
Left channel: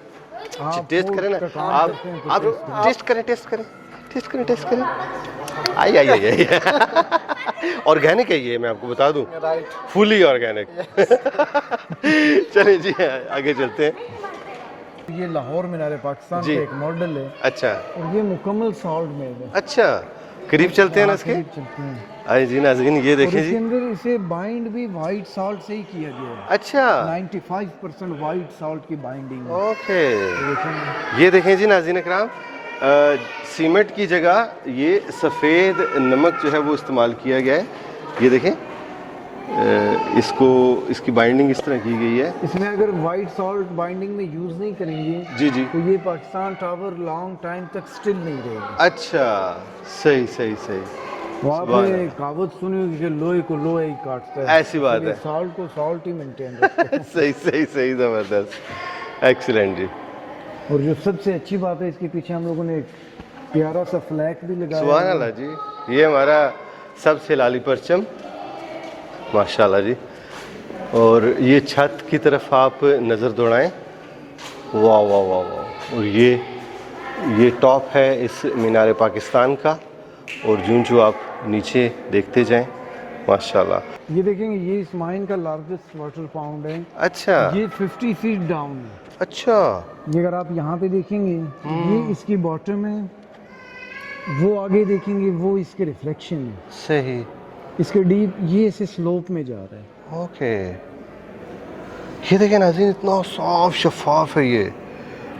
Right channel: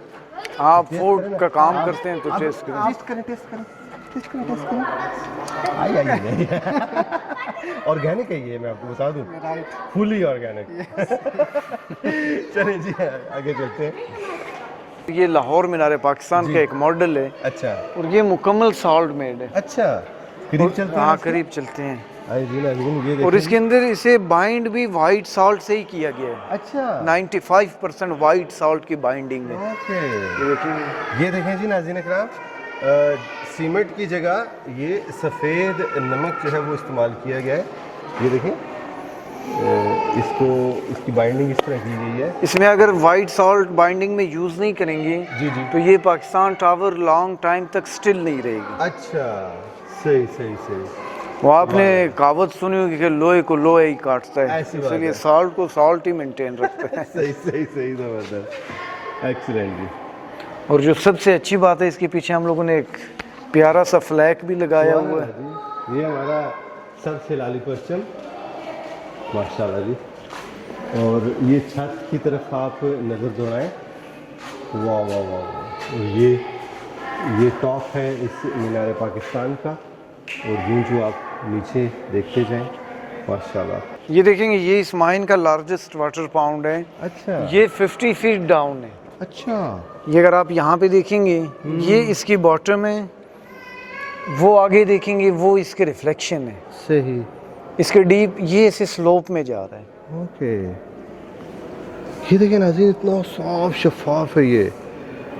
آپ فوڈ کا کام کرتے ہیں تو ٹیسٹ کریں. آئی آرگینک ہے یہ, میں آپ کو بتا دوں, فلی آرگینک. چلیں جی آگے چلتے ہیں. یہ لاہور مینار پاکستان کا ایک ماڈل ہے اچھا اور یہ مکمل سالٹ میڈ ہے. اچھا قریب چلتے ہیں نا اس کے؟ قریب چلتے ہیں. آئے جی ناظرین یہ اور دیکھیں اس کے اندر اسے بائنڈ بھی وائٹ سالٹ سے ہی کیا گیا ہے. اچھا 95% وائٹ سالٹ کی بائنڈنگ ہے. اوکے یہ دیکھیں جی ناظرین اکرام سیمنٹ کی جگہ یہ سفید نمک جو ہے وہ استعمال کیا گیا ہے. یہ دیکھیں اس کو اس کی بائنڈنگ اس طرح کی گئی ہے. اس میں اگر وائٹ سالٹ بائنڈنگ میں یوز نہیں کریں گے جی جی تو یہ پاکستان ٹاور لانگ ٹائم تک سٹل نہیں رہے گی. اچھا صحیح صحیح صحیح. وہ آپ نے کہاوت سنی ہوگی کہ لوہے کو لوہے ہی کاٹتا ہے. ایسی بات ہے. سالٹ کو سالٹ ہی مینٹین رکھتا ہے. صحیح صحیح صحیح زبردست ایکسیلنٹ جی. اور جو سب سے اچھی بات ہے اس کے پیچھے ہم لوگوں نے ایک پیارا سا فلیک بھی لگایا. سبحان اللہ جی. یہ ہمارا سب سے لالی پرچم ماشاءاللہ جی. اور یہ چھت کی طرف آپ نظر دوڑائیں. واہ واہ واہ واہ. اور یہ ٹاپ ہے اس مینار پاکستان کا اور جو آپ نیچے دیکھتے جائیں ماشاءاللہ. یہ دیکھیں گے یہ اس مائن کا لارجسٹ واٹر پاؤنڈ ہے. اچھا یہ 50 فیٹ ڈاؤن ہے. اچھا یہ اگر آپ یہاں پہ دیکھیں گے یہ اس کی باٹم ہے. وہ آگے دیکھیں گے وہ اس کے ریفلیکشن ہے. صحیح. اس کے ڈیپ یہ اسے سلوپ میں جا رہا ہے. اوکے یہ دیکھیں ناظرین اتنا صاف شفاف ہے یہ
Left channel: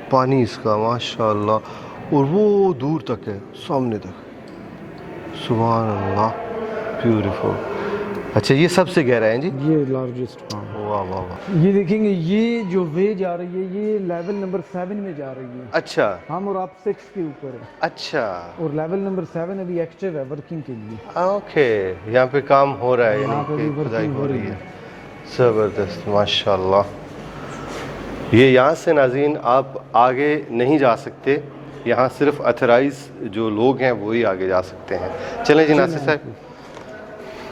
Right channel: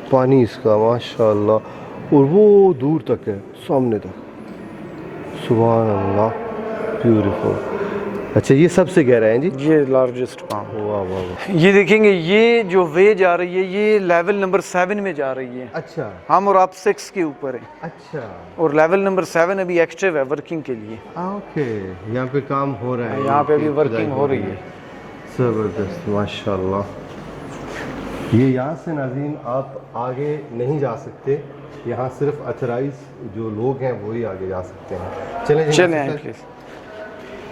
پانی اس کا ماشاءاللہ. اور وہ دور تک ہے سامنے تک. سبحان اللہ بیوٹیفل. اچھا یہ سب سے گہرا ہے جی. یہ لارجسٹ پاؤنڈ. واہ واہ واہ. یہ دیکھیں گے یہ جو وے جا رہی ہے یہ لیول نمبر 7 میں جا رہی ہے. اچھا ہم اور آپ 6 کے اوپر ہیں. اچھا اور لیول نمبر 7 ابھی ایکٹیو ہے ورکنگ کے لیے. اوکے یہاں پہ کام ہو رہا ہے. یہاں پہ ابھی ورکنگ ہو رہی ہے. زبردست ماشاءاللہ. یہ یہاں سے ناظرین آپ آگے نہیں جا سکتے. یہاں صرف اتھرائز جو لوگ ہیں وہی آگے جا سکتے ہیں. چلیں جی ناصر صاحب.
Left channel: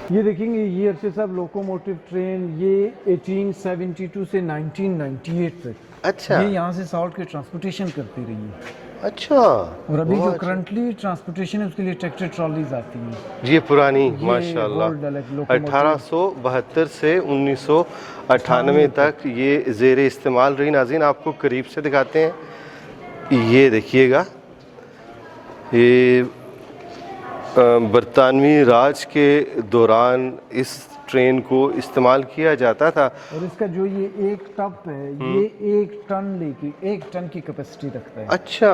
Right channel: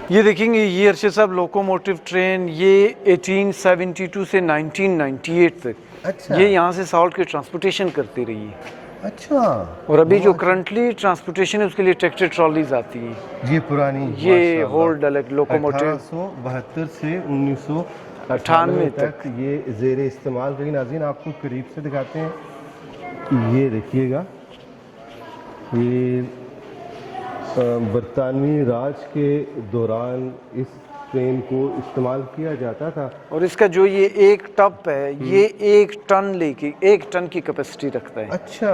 یہ دیکھیں گے یہ ارشد صاحب لوکوموٹیو ٹرین یہ 1872 سے 1998 تک اچھا یہ یہاں سے سالٹ کی ٹرانسپورٹیشن کرتی رہی ہے. اچھا اور ابھی جو کرنٹلی ٹرانسپورٹیشن ہے اس کے لیے ٹریکٹر ٹرالیز آتی ہیں. یہ پرانی یہ ہولڈ لوکوموٹیو 1872 سے 1998 تک یہ زیر استعمال رہی. ناظرین آپ کو قریب سے دکھاتے ہیں. یہ دیکھیے گا یہ برطانوی راج کے دوران اس ٹرین کو استعمال کیا جاتا تھا. اور اس کا جو یہ ایک ٹپ ہے یہ 1 ٹن کی کیپیسٹی رکھتا ہے. اچھا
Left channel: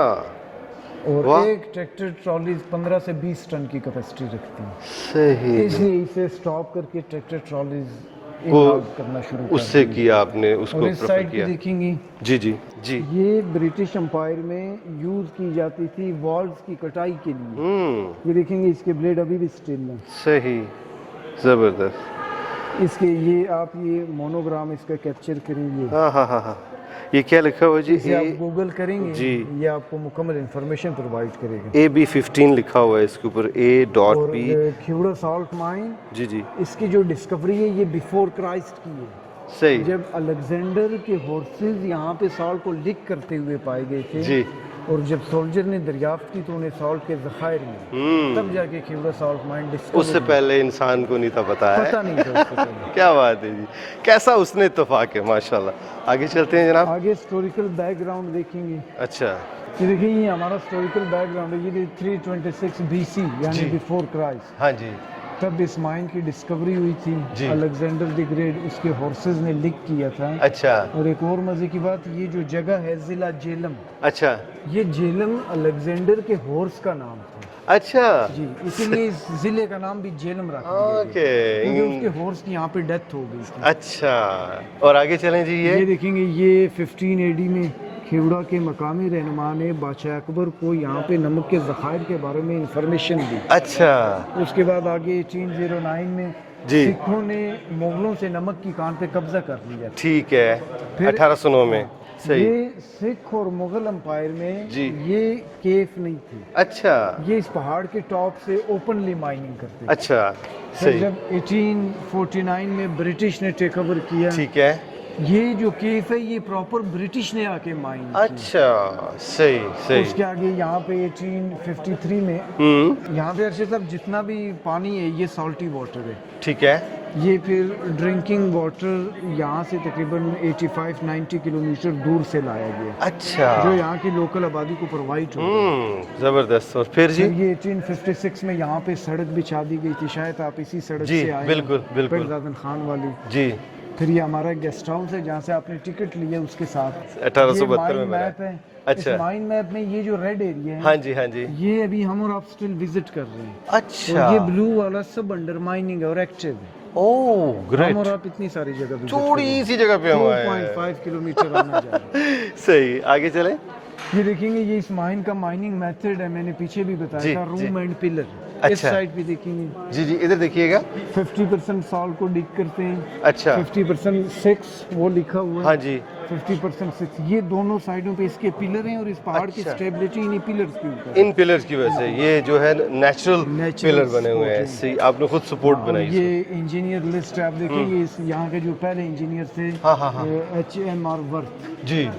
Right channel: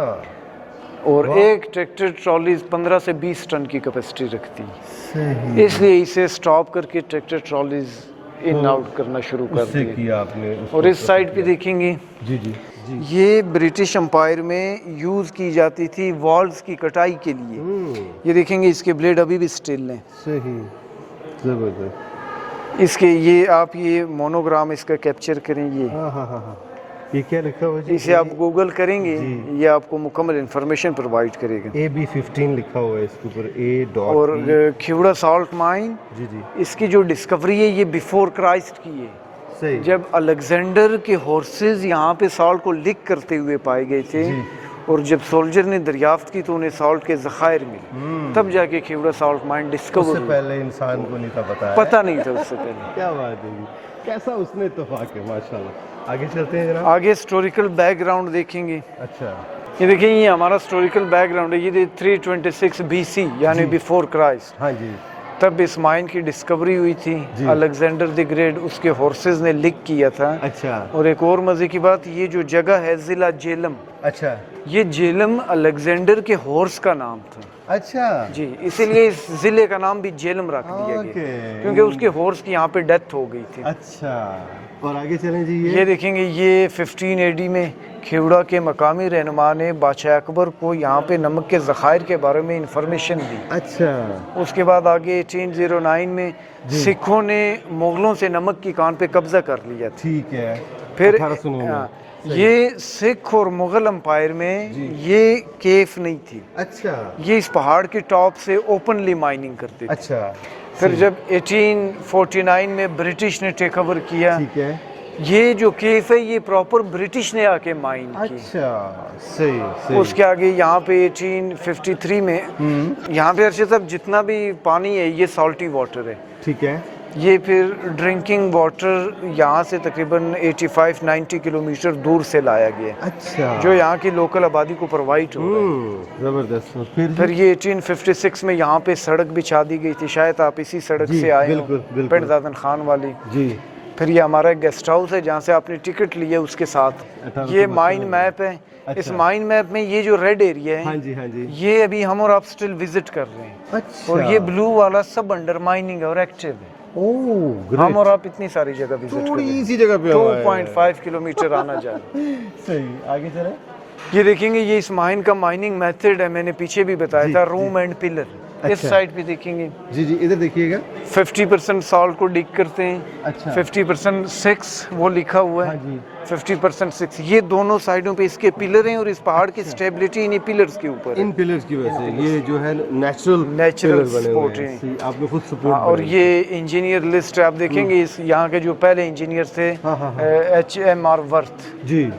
اور ایک ٹریکٹر ٹرالیز 15 سے 20 ٹن کی کیپیسٹی رکھتی ہے. صحیح. اس لیے اسے سٹاپ کر کے ٹریکٹر ٹرالیز ان آؤٹ کرنا شروع کر اس سے کیا آپ نے. اور اس سائڈ پہ دیکھیں گے جی جی جی یہ برٹش امپائر میں یوز کی جاتی تھی والز کی کٹائی کے لیے. یہ دیکھیں گے اس کے بلیڈ ابھی بھی سٹل ہیں. صحیح زبردست. اس کے یہ آپ یہ مونوگرام اس کا کیپچر کریں. یہ ہاں ہاں ہاں ہاں یہ کیا لکھا ہوا جی؟ اسے آپ گوگل کریں گے جی یہ آپ کو مکمل انفارمیشن پرووائڈ کرے گا. AB15 لکھا ہوا ہے اس کے اوپر اور A.P. کھیوڑا سالٹ مائن جی جی اس کی جو ڈسکوری ہے یہ بیفور کرائسٹ کی ہے. صحیح. جب الیگزینڈر کے ہورسز یہاں پہ سالٹ کو لک کرتے ہوئے پائے گئے تھے جی اور جب سولجر نے دریافت کی تو انہیں سالٹ کے ذخائر ملے تب جا کے کھیوڑا سالٹ مائن ڈسکور. اس سے پہلے انسان کو نہیں تھا پتہ نہیں تھا اس سے پہلے. کیا بات ہے جی. کیسا اس نے اتفاق ہے ماشاءاللہ. آگے چلتے ہیں جناب. آگے ہسٹوریکل بیک گراؤنڈ دیکھیں گے. اچھا یہ دیکھیں یہ ہمارا ہسٹوریکل بیک گراؤنڈ ہے. یہ 326 BC یعنی بیفور کرائسٹ ہاں جی تب اس مائن کی ڈسکوری ہوئی تھی. الیگزینڈر دی گریٹ اس کے ہورسز نے لک کیا تھا. اچھا. اور ایک اور مزے کی بات یہ جو جگہ ہے ضلع جیلم. اچھا یہ جیلم الیگزینڈر کے ہورس کا نام تھا. اچھا جی اسی لیے اس ضلع کا نام بھی جیلم رکھ دیا گیا کیونکہ اس کے ہورس کی یہاں پہ ڈیتھ ہو گئی تھی. اچھا اور آگے چلیں جی. یہ دیکھیں گے یہ 15 AD میں کھیوڑا کے مقامی رہنما نے بادشاہ اکبر کو یہاں پہ نمک کے ذخائر کے بارے میں انفارمیشن دی. اچھا. اس کے بعد آگے 1809 میں سکھوں نے مغلوں سے نمک کی کان پہ قبضہ کر لیا. ٹھیک ہے. پھر 1809 میں یہ سکھ اور مغل امپائر میں یہ کیف نہیں تھی. اچھا. یہ اس پہاڑ کے ٹاپ سے اوپنلی مائننگ کرتے تھے. اچھا. پھر جب 1849 میں برٹش نے ٹیک اوور کیا ٹھیک ہے یہ جو کیف ہے یہ پراپر برٹش نے آ کے مائن کی. اچھا صحیح. اس کے آگے یہاں پہ 1853 میں یہاں پہ ارشد صاحب جتنا بھی پانی ہے یہ سالٹی واٹر ہے. ٹھیک ہے. یہ پھر ڈرنکنگ واٹر یہاں سے تقریباً 85-90 کلومیٹر دور سے لایا گیا ہے، اچھا جو یہاں کی لوکل آبادی کو پرووائڈ ہو رہا ہے۔ زبردست۔ اور پھر پھر یہ 1856 میں یہاں پہ سڑک بچھا دی گئی تھی، شاید آپ اسی سڑک جی سے آئے بالکل بالکل پنڈ دادن خان والی۔ جی پھر یہ ہمارا گیسٹ ہاؤس ہے جہاں سے آپ نے ٹکٹ لیا اس کے ساتھ۔ 1872 یہ مائن میپ ہے، اس مائن میپ میں یہ جو ریڈ ایریا ہے ہاں جی ہاں جی یہ ابھی ہم اور آپ سٹل وزٹ کر رہے ہیں، اچھا اور یہ بلو والا سب انڈر مائننگ اور ایکٹیو ہے۔ اوہ ہم اور آپ اتنی ساری جگہ وزٹ کر رہے تھوڑی ہیں، سی جگہ پہ 2.5 کلومیٹر آنا چاہیے۔ صحیح، آگے چلیں۔ یہ دیکھیں گے یہ اس مائن کا مائننگ میتھڈ ہے، میں نے پیچھے بھی بتایا تھا، روم اینڈ پلر۔ اس سائڈ پہ دیکھیں گے جی جی ادھر دیکھیے گا۔ 50% سالٹ کو ڈگ کرتے ہیں، اچھا 50% 6 وہ لکھا ہوا ہاں ہے، جی 50% 6۔ یہ دونوں سائڈوں پہ اس کے پلر ہیں، اور اس پہاڑ کی سٹیبلٹی انہی پلرز کے اوپر ہے۔ ان پلرز کی وجہ سے یہ جو ہے نیچرل پلر بنے ہوئے ہیں، صحیح، آپ نے خود سپورٹ اور یہ انجینئر لسٹ آپ دیکھیں گے، اس یہاں کے جو پہلے انجینئر تھے HMR ورتھ جی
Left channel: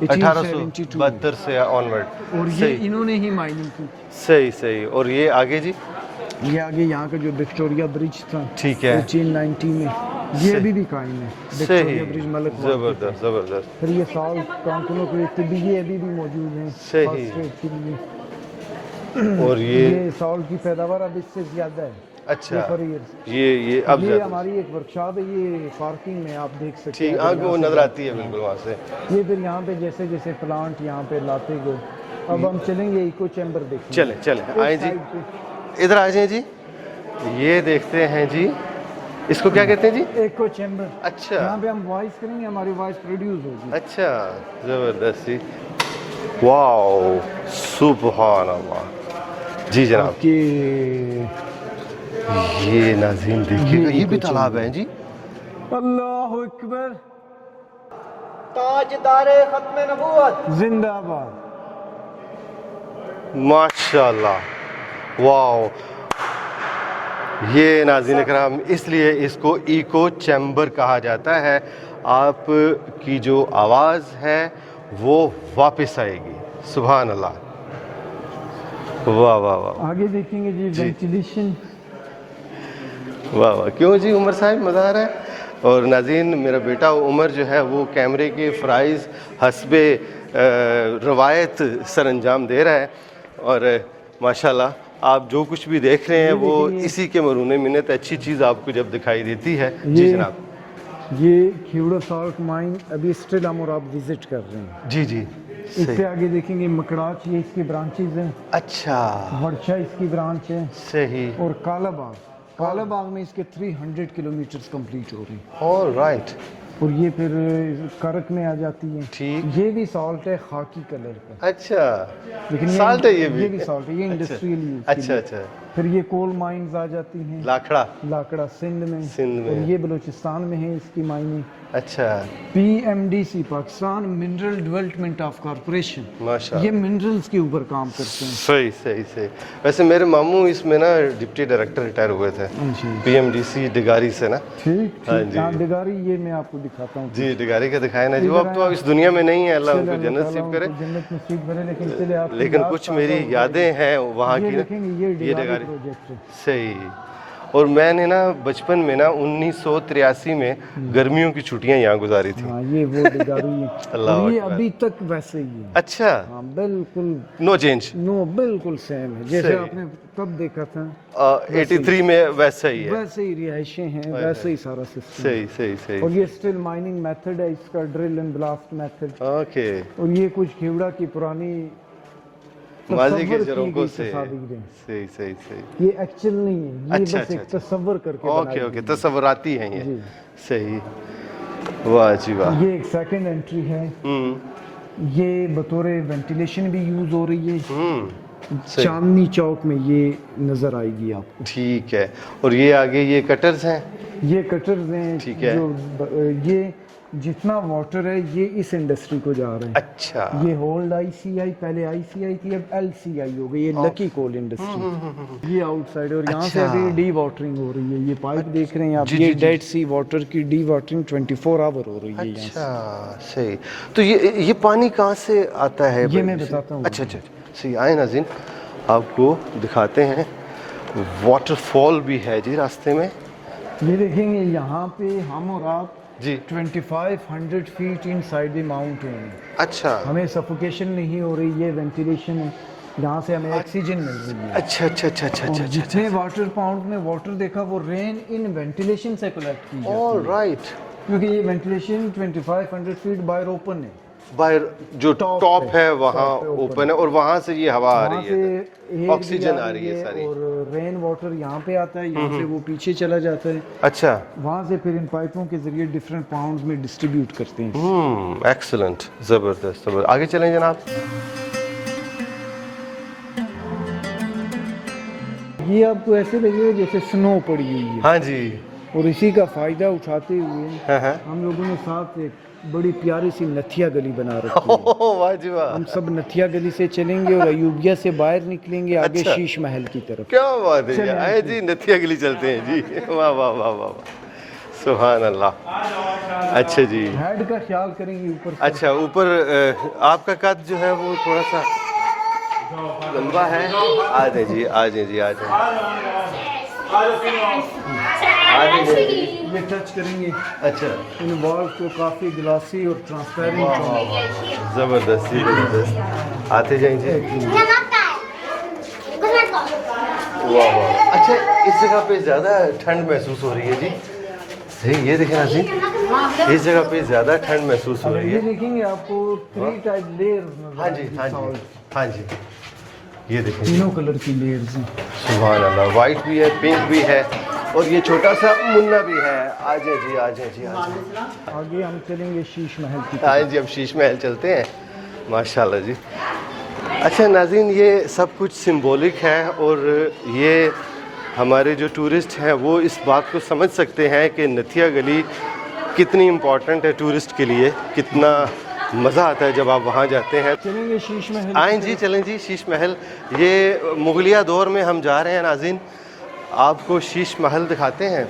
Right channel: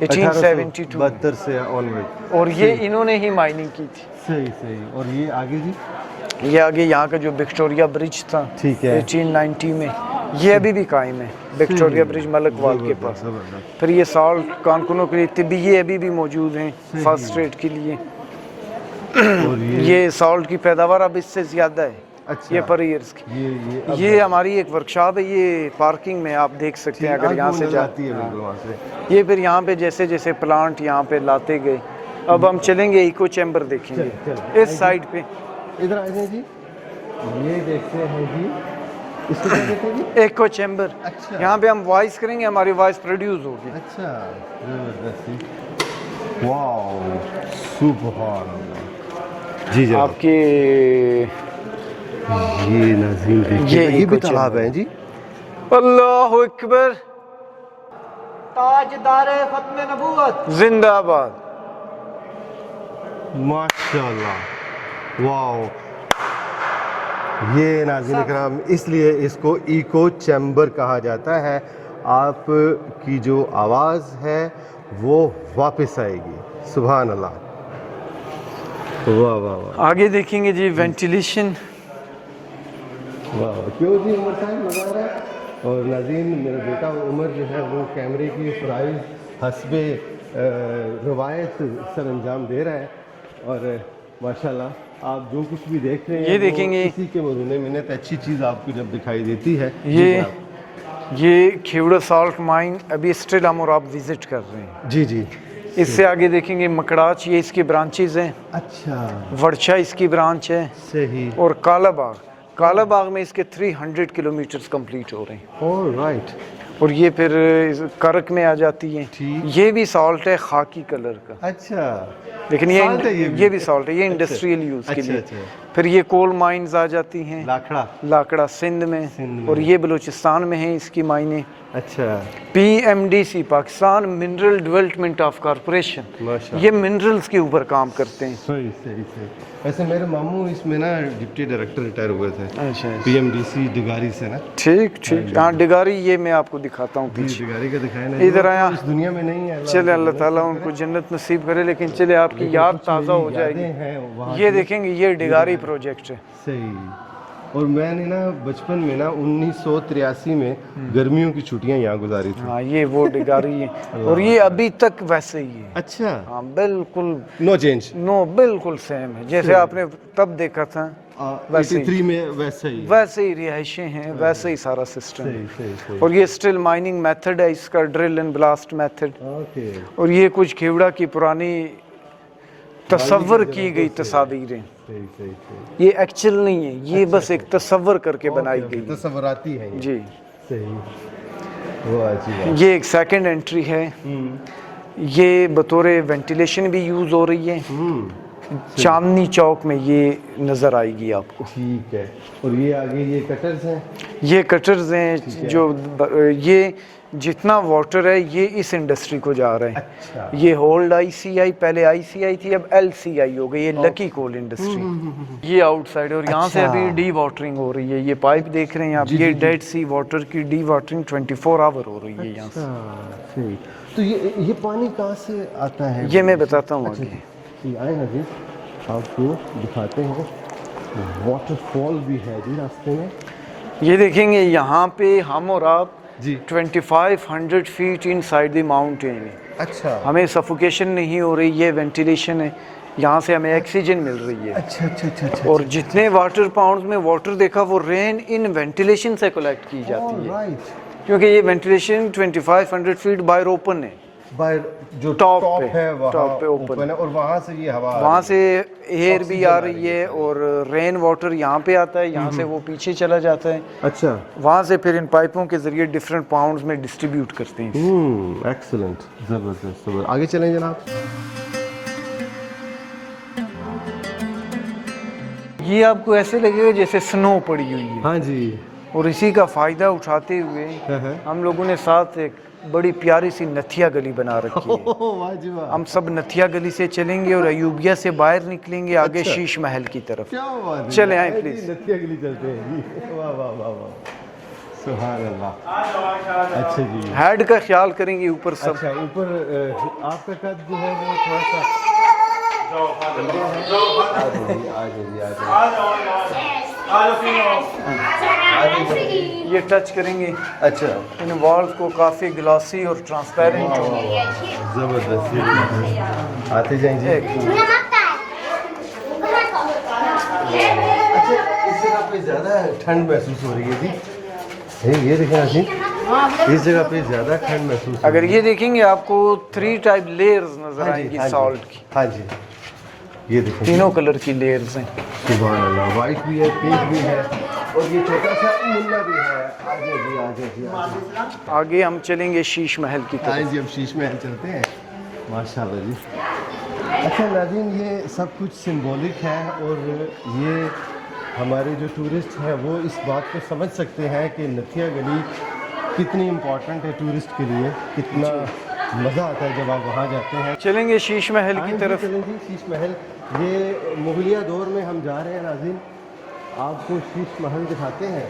1872، 1872 سے آنورڈ، اور یہ انہوں نے ہی مائننگ کی تھی۔ صحیح صحیح۔ اور یہ آگے جی یہ آگے یہاں کا جو وکٹوریا برج تھا ٹھیک ہے 1890 میں، یہ ابھی بھی قائم ہے، وکٹوریا برج ملک واد کے پاس۔ زبردست۔ پھر یہ سالٹ کانکنوں کے لیے طبی یہ ابھی بھی موجود ہیں فرسٹ ایڈ کے لیے۔ اور یہ سالٹ کی پیداوار اب اس سے زیادہ ہے، اچھا یہ پر ایئرز کی۔ یہ ہماری ایک ورکشاپ ہے، یہ پارکنگ میں آپ دیکھ سکتے ہیں اگر یہاں سے نظر آتی ہے بالکل وہاں سے۔ یہ پھر یہاں پہ جیسے جیسے پلانٹ یہاں پہ لاتے گئے۔ اب ہم چلیں گے ایکو چیمبر دیکھیں، چلیں اس سائڈ پہ ادھر آ جائیں جی۔ یہ دیکھتے ہیں جی، اس کو کیا کہتے ہیں جی؟ Eco chamber. اچھا یہاں پہ ہم وائس کریں گے، ہماری وائس پروڈیوس ہوگی۔ اچھا زبردست، واو سبحان اللہ۔ جی جناب آپ کی یہ ناظرین دیکھیے یہ بھی تالاب ہے جی۔ اللہ اکبر، تاجدار ختم نبوت زندہ آباد۔ ماشاءاللہ، واو۔ یہ ناظرین کرام اس لیے اس کو ایکو چیمبر کہا جاتا ہے، آپ کی جو آواز ہے وہ واپس آئے گی۔ سبحان اللہ، واہ واہ واہ آگے دیکھیں گے جی وینٹیلیشن۔ واہ واہ، کیوں جی عمر صاحب مزہ آ رہا ہے؟ اور ناظرین میرا بیٹا عمر جو ہے وہ کیمرے کی فرائض حسب روایت سر انجام دے رہا ہے، اور ماشاءاللہ آپ جو کچھ بھی دیکھ رہے ہیں وہ اسی کے مرہون منت اچھی چیز آپ کو جب دکھائی دیتی ہے۔ جی جناب، یہ کھیوڑا سالٹ مائن ابھی اسٹل ہم اور آپ وزٹ کر رہے ہیں۔ جی جی اس سے آگے دیکھیں گے مکڑاچ، یہ اس کی برانچز ہیں۔ اچھا ورچا اس کی برانچ ہے، صحیح، اور کالا باغ، کالا باغ میں اس کے 300 کلومیٹرز کمپلیٹ ہو رہے ہیں۔ آل رائٹ، اور یہ پھر کرک میں آ جاتی ہے۔ ٹھیک، یہ بھی سالٹ ہے خاکی کلر کا، اچھا لیکن salt ہے یہ بھی سالٹ ہے، یہ انڈسٹریل یوز کے اچھا لیے۔ اچھا، پھر یہ کول مائنز آ جاتی ہیں، لاکھڑا، لاکڑا سندھ میں، اور یہ بلوچستان میں ہیں اس کی مائنیں۔ اچھا PMDC Pakistan mineral development of corporation, ماشاء یہ منرلز کے اوپر کام کرتے ہیں۔ صحیح صحیح صحیح۔ ویسے میرے ماموں اس میں نا ڈپٹی ڈائریکٹر ریٹائر ہوئے تھے PMDC ڈگاری سے نا۔ ٹھیک ٹھیک، ہاں ڈگاری یہ میں آپ کو دکھاتا ہوں۔ جی ڈگاری کا دکھائے نا، ادھر آیا، اس دنیا میں نہیں ہے، چلے اللہ تعالیٰ ان کو جنت نصیب کرے، لیکن چلے آپ کی یاد کچھ تازہ میری ہو جائے یادیں گی۔ ہیں وہاں یہ کی۔ دیکھیں گے یہ ڈگاری پروجیکٹ ہے۔ صحیح، اور میں نے نا بچپن میں نا 1983 میں گرمیوں کی چھٹیاں یہاں گزاری تھی۔ ہاں یہ وہ ڈگاری ہے، اور یہ ابھی تک ویسے ہی ہے۔ اچھا، ہاں بالکل نو چینج، نو، بالکل سیم ہے جیسے آپ نے تب دیکھا تھا، 83 میں ویسا ہی ہے، ویسے ہی رہائشیں ہیں، ویسے ہی سارا سسٹم۔ صحیح صحیح صحیح۔ اور یہ اسٹل مائننگ میتھڈ ہے اس کا، drill and blast method. Okay, اور یہ کچھ کھیوڑا کی پرانی تصور کی گئی تصاویریں، صحیح صحیح صحیح، یہ ایکچوئل نہیں ہے، یہ بس ایک تصور کر کے بنائی اوکے گئی۔ تصوراتی ہیں یہ، جی صحیح، واہ جی واہ۔ یہ ایک سیکنڈ انٹری ہے، یہ بطور وینٹیلیشن بھی یوز ہو رہی ہے، چاندنی چوک میں یہ نظر آئے گی آپ کو۔ ٹھیک ہے، اور یہ آگے یہ کٹرز ہیں، یہ کٹرز ہیں جو یہ جتنا واٹر ہے یہ اس انڈسٹری کو جا رہا ہے۔ اچھا، یہ ہولڈ ICI، پہلے ICI تھی، اب LCI ہو گئی، یہ لکی کول انڈسٹری۔ یہ آؤٹ سائڈ، اور یہاں سے ابھی ڈی واٹرنگ ہو رہی ہے، یہ پائپ دیکھ رہے ہیں آپ، یہ ڈیڈ سی واٹر کی ڈی واٹرنگ 24 آور ہو رہی ہے یہاں سے۔ اچھا صحیح۔ تو یہ پانی کہاں سے آتا ہے؟ یہ میں بتاتا ہوں۔ اچھا اچھا صحیح، آئے ناظرین آپ کو دکھاتے ہیں، واٹر فال بھی ہے جی راستے میں، یہ دیکھیں گے یہاں پہ ہم اور آپ جی 2500 فیٹ ان سائڈ دی ماؤنٹین ہے. اچھا ہمیں سفوکیشن نہیں ہو رہی, یہ وینٹیلیشن ہے, یہاں سے ہمیں آکسیجن مل رہی ہے. اچھا اچھا اچھا اچھا اور جتنے واٹر پاؤنڈز میں واٹر دیکھا وہ رین ان وینٹیلیشن سے کلیکٹ کی جاتی ہے, رائٹ کیونکہ یہ وینٹیلیشن 2500 فیٹ باہر اوپن ہے. باہر جو ٹاپ ہے وہاں ٹاپ پہ اوپن ہے اور وہاں سے یہ ہوا وہاں سے ایئر بھی آ آکسیجن رہی ہے اور رین واٹر یہاں پہ آتا ہے, یہاں سے وہ پیچھے چلا جاتا ہے, اچھا وہاں سے پھر ان پائپوں کے ذریعے ڈفرینٹ پاؤنڈز میں ڈسٹریبیوٹ کرتے ہیں. ایکسلنٹ, زبردست. آگے چلیں جناب. یہ آپ کو ایسے لگے گا جیسے سنو پڑی ہوئی ہے, ہاں جی, اور اسی کا فائدہ اٹھاتے ہوئے ہم لوگوں نے ساتھ ایک بڑی پیاری سی نتھیا گلی بنا رکھی ہے. ہم سب نتھیا گلی سے چلیں گے اور ایوبیہ سے باہر نکلیں گے آگے شیش محل کی طرف. کیا بات ہے, چلیں آئے جی نتھیا گلی چلتے ہیں جی. واہ واہ واہ واہ, سبحان اللہ. اچھا جی, ہیڈ کا خیال کریں گے اوپر سب. اچھا اوپر آپ کا قد جو ہے وہ تھوڑا سا لمبا ہے. آ جائیں جی, آ جائیں جی, آ جائیں. یہ ٹچ کریں گے, اچھا ان والز کو کافی گلاسی اور ٹرانسپیرنٹ ہوں. زبردست زبردست. آتے جائیں جی. اچھا اس جگہ پہ زیادہ ٹھنڈ محسوس ہو رہی ہے جی, یہ دیکھیں ناظرین, اس جگہ پہ زیادہ ٹھنڈ محسوس ہو اگر رہی ہے. یہ دیکھیں گے آپ کو 3 ٹائپ لیئرز نظر آئیں گی سالٹ کی. ہاں جی, یہ دیکھیں تینوں کلر کی لیئرز ہیں. سبحان اللہ, وائٹ بھی ہے, پنک بھی ہے, اور یہ چھوٹا سا منا بھی ہے. آ جائیں جی, آ جائیں جی, آگے ہم چلیں گے شیش محل کی طرف. آئیں جی, اب شیش محل چلتے ہیں. ماشاءاللہ جی. اچھا ناظرین, یہ سب کچھ سمبولک ہے, اور یہ ہمارے جو ٹورسٹ ہیں وہ اس بات کو سمجھ سکتے ہیں کہ نتھیا گلی کتنی امپورٹنٹ ہے ٹورسٹ کے لیے, کتنا مزہ آتا ہے جب آپ وہاں جاتے ہیں. چلیں گے شیش محل کی آئیں جی, طرف. چلیں جی شیش محل. یہ مغلیہ دور میں ہم جا رہے ہیں ناظرین, آپ کو شیش محل دکھاتے ہیں.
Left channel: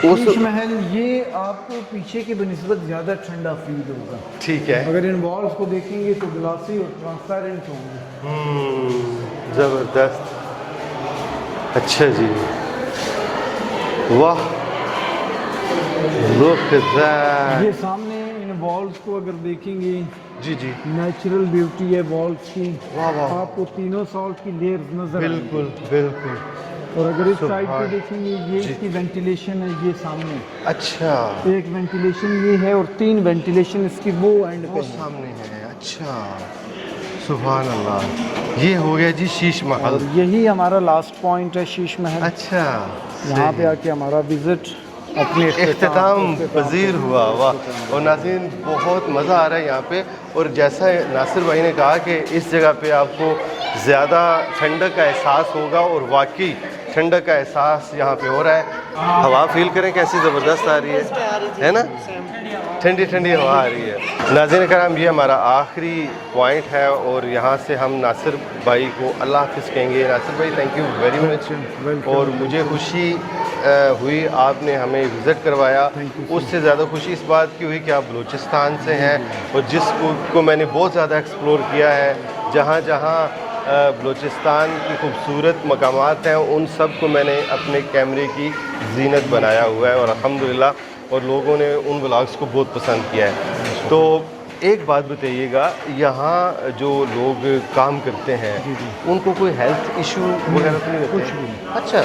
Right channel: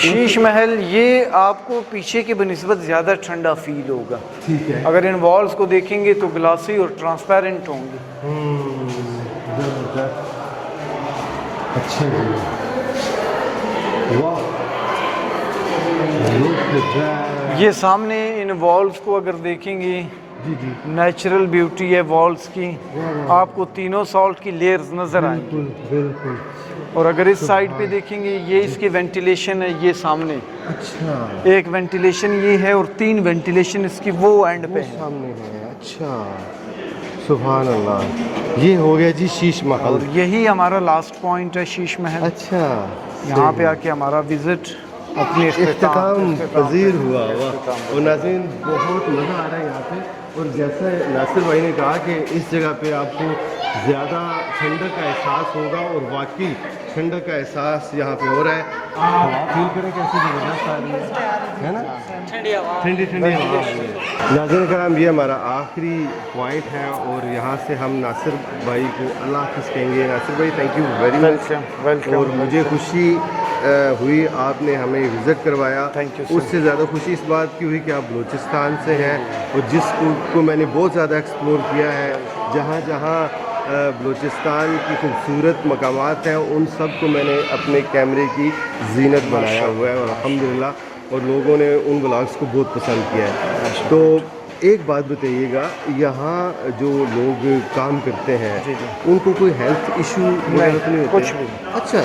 شیش محل یہ آپ کو پیچھے کی بنسبت زیادہ ٹھنڈا فیل ہوگا. ٹھیک ہے, اگر ان والز کو دیکھیں گے تو گلاسی اور ٹرانسپیرنٹ ہوں گے. زبردست. اچھا جی, واہ, یہ سامنے ان والز کو اگر دیکھیں گے, جی جی, نیچرل بیوٹی ہے والز کی. آپ کو تینوں سالٹ کی لیئرز نظر آئیں گی. بالکل. اور اگر اس سائڈ پہ دیکھیں گے, یہ اس کی وینٹیلیشن ہے, یہ سامنے اچھا ایک وینٹیلیشن یہ ہے, اور 3 وینٹیلیشن اس کی وہ اینڈ پہ ہے. سامنے ہے. اچھا سبحان اللہ, یہ ہو گیا جی شیش محل. اور یہی ہمارا لاسٹ پوائنٹ ہے شیش محل. اچھا, یہاں پہ آ کے ہمارا وزٹ اپنے اختتام پذیر ہوا. واہ, اور ناظرین بہت مزہ آ رہا ہے یہاں پہ. اور جیسا ناصر بھائی نے کہا کہ اس جگہ پہ آپ کو زیادہ ٹھنڈک کا احساس ہوگا, اور واقعی ٹھنڈک کا احساس یہاں پہ ہو رہا ہے. ہوا فیل کریں کیسی زبردست آ رہی ہے نا, ٹھنڈی ٹھنڈی ہوا آ رہی ہے. ناظرین کرام, یہ ہمارا آخری پوائنٹ ہے, اور یہاں سے ہم ناصر بھائی کو اللہ حافظ کہیں گے. ناصر بھائی تھینک یو ویری مچ, اور مجھے خوشی ہوئی آپ نے ہمیں وزٹ کروایا. اس سے زیادہ خوشی اس بات کی ہوئی کہ آپ بلوچستان سے ہیں, اور جس کو میں نے بہت زیادہ ایکسپلور کیا ہے. جہاں جہاں بلوچستان کی خوبصورت مقامات ہیں ان سب کو میں نے اپنے کیمرے کی زینت بنایا ہوا ہے, اور الحمدللہ, اور لوگوں نے ان بلاگس کو بہت پسند کیا ہے. تو ایک بات بتائیے گا, یہاں جو لوگ کام کرتے ہیں ان کو کوئی ہیلتھ ایشو نہیں؟ کچھ بھی. اچھا,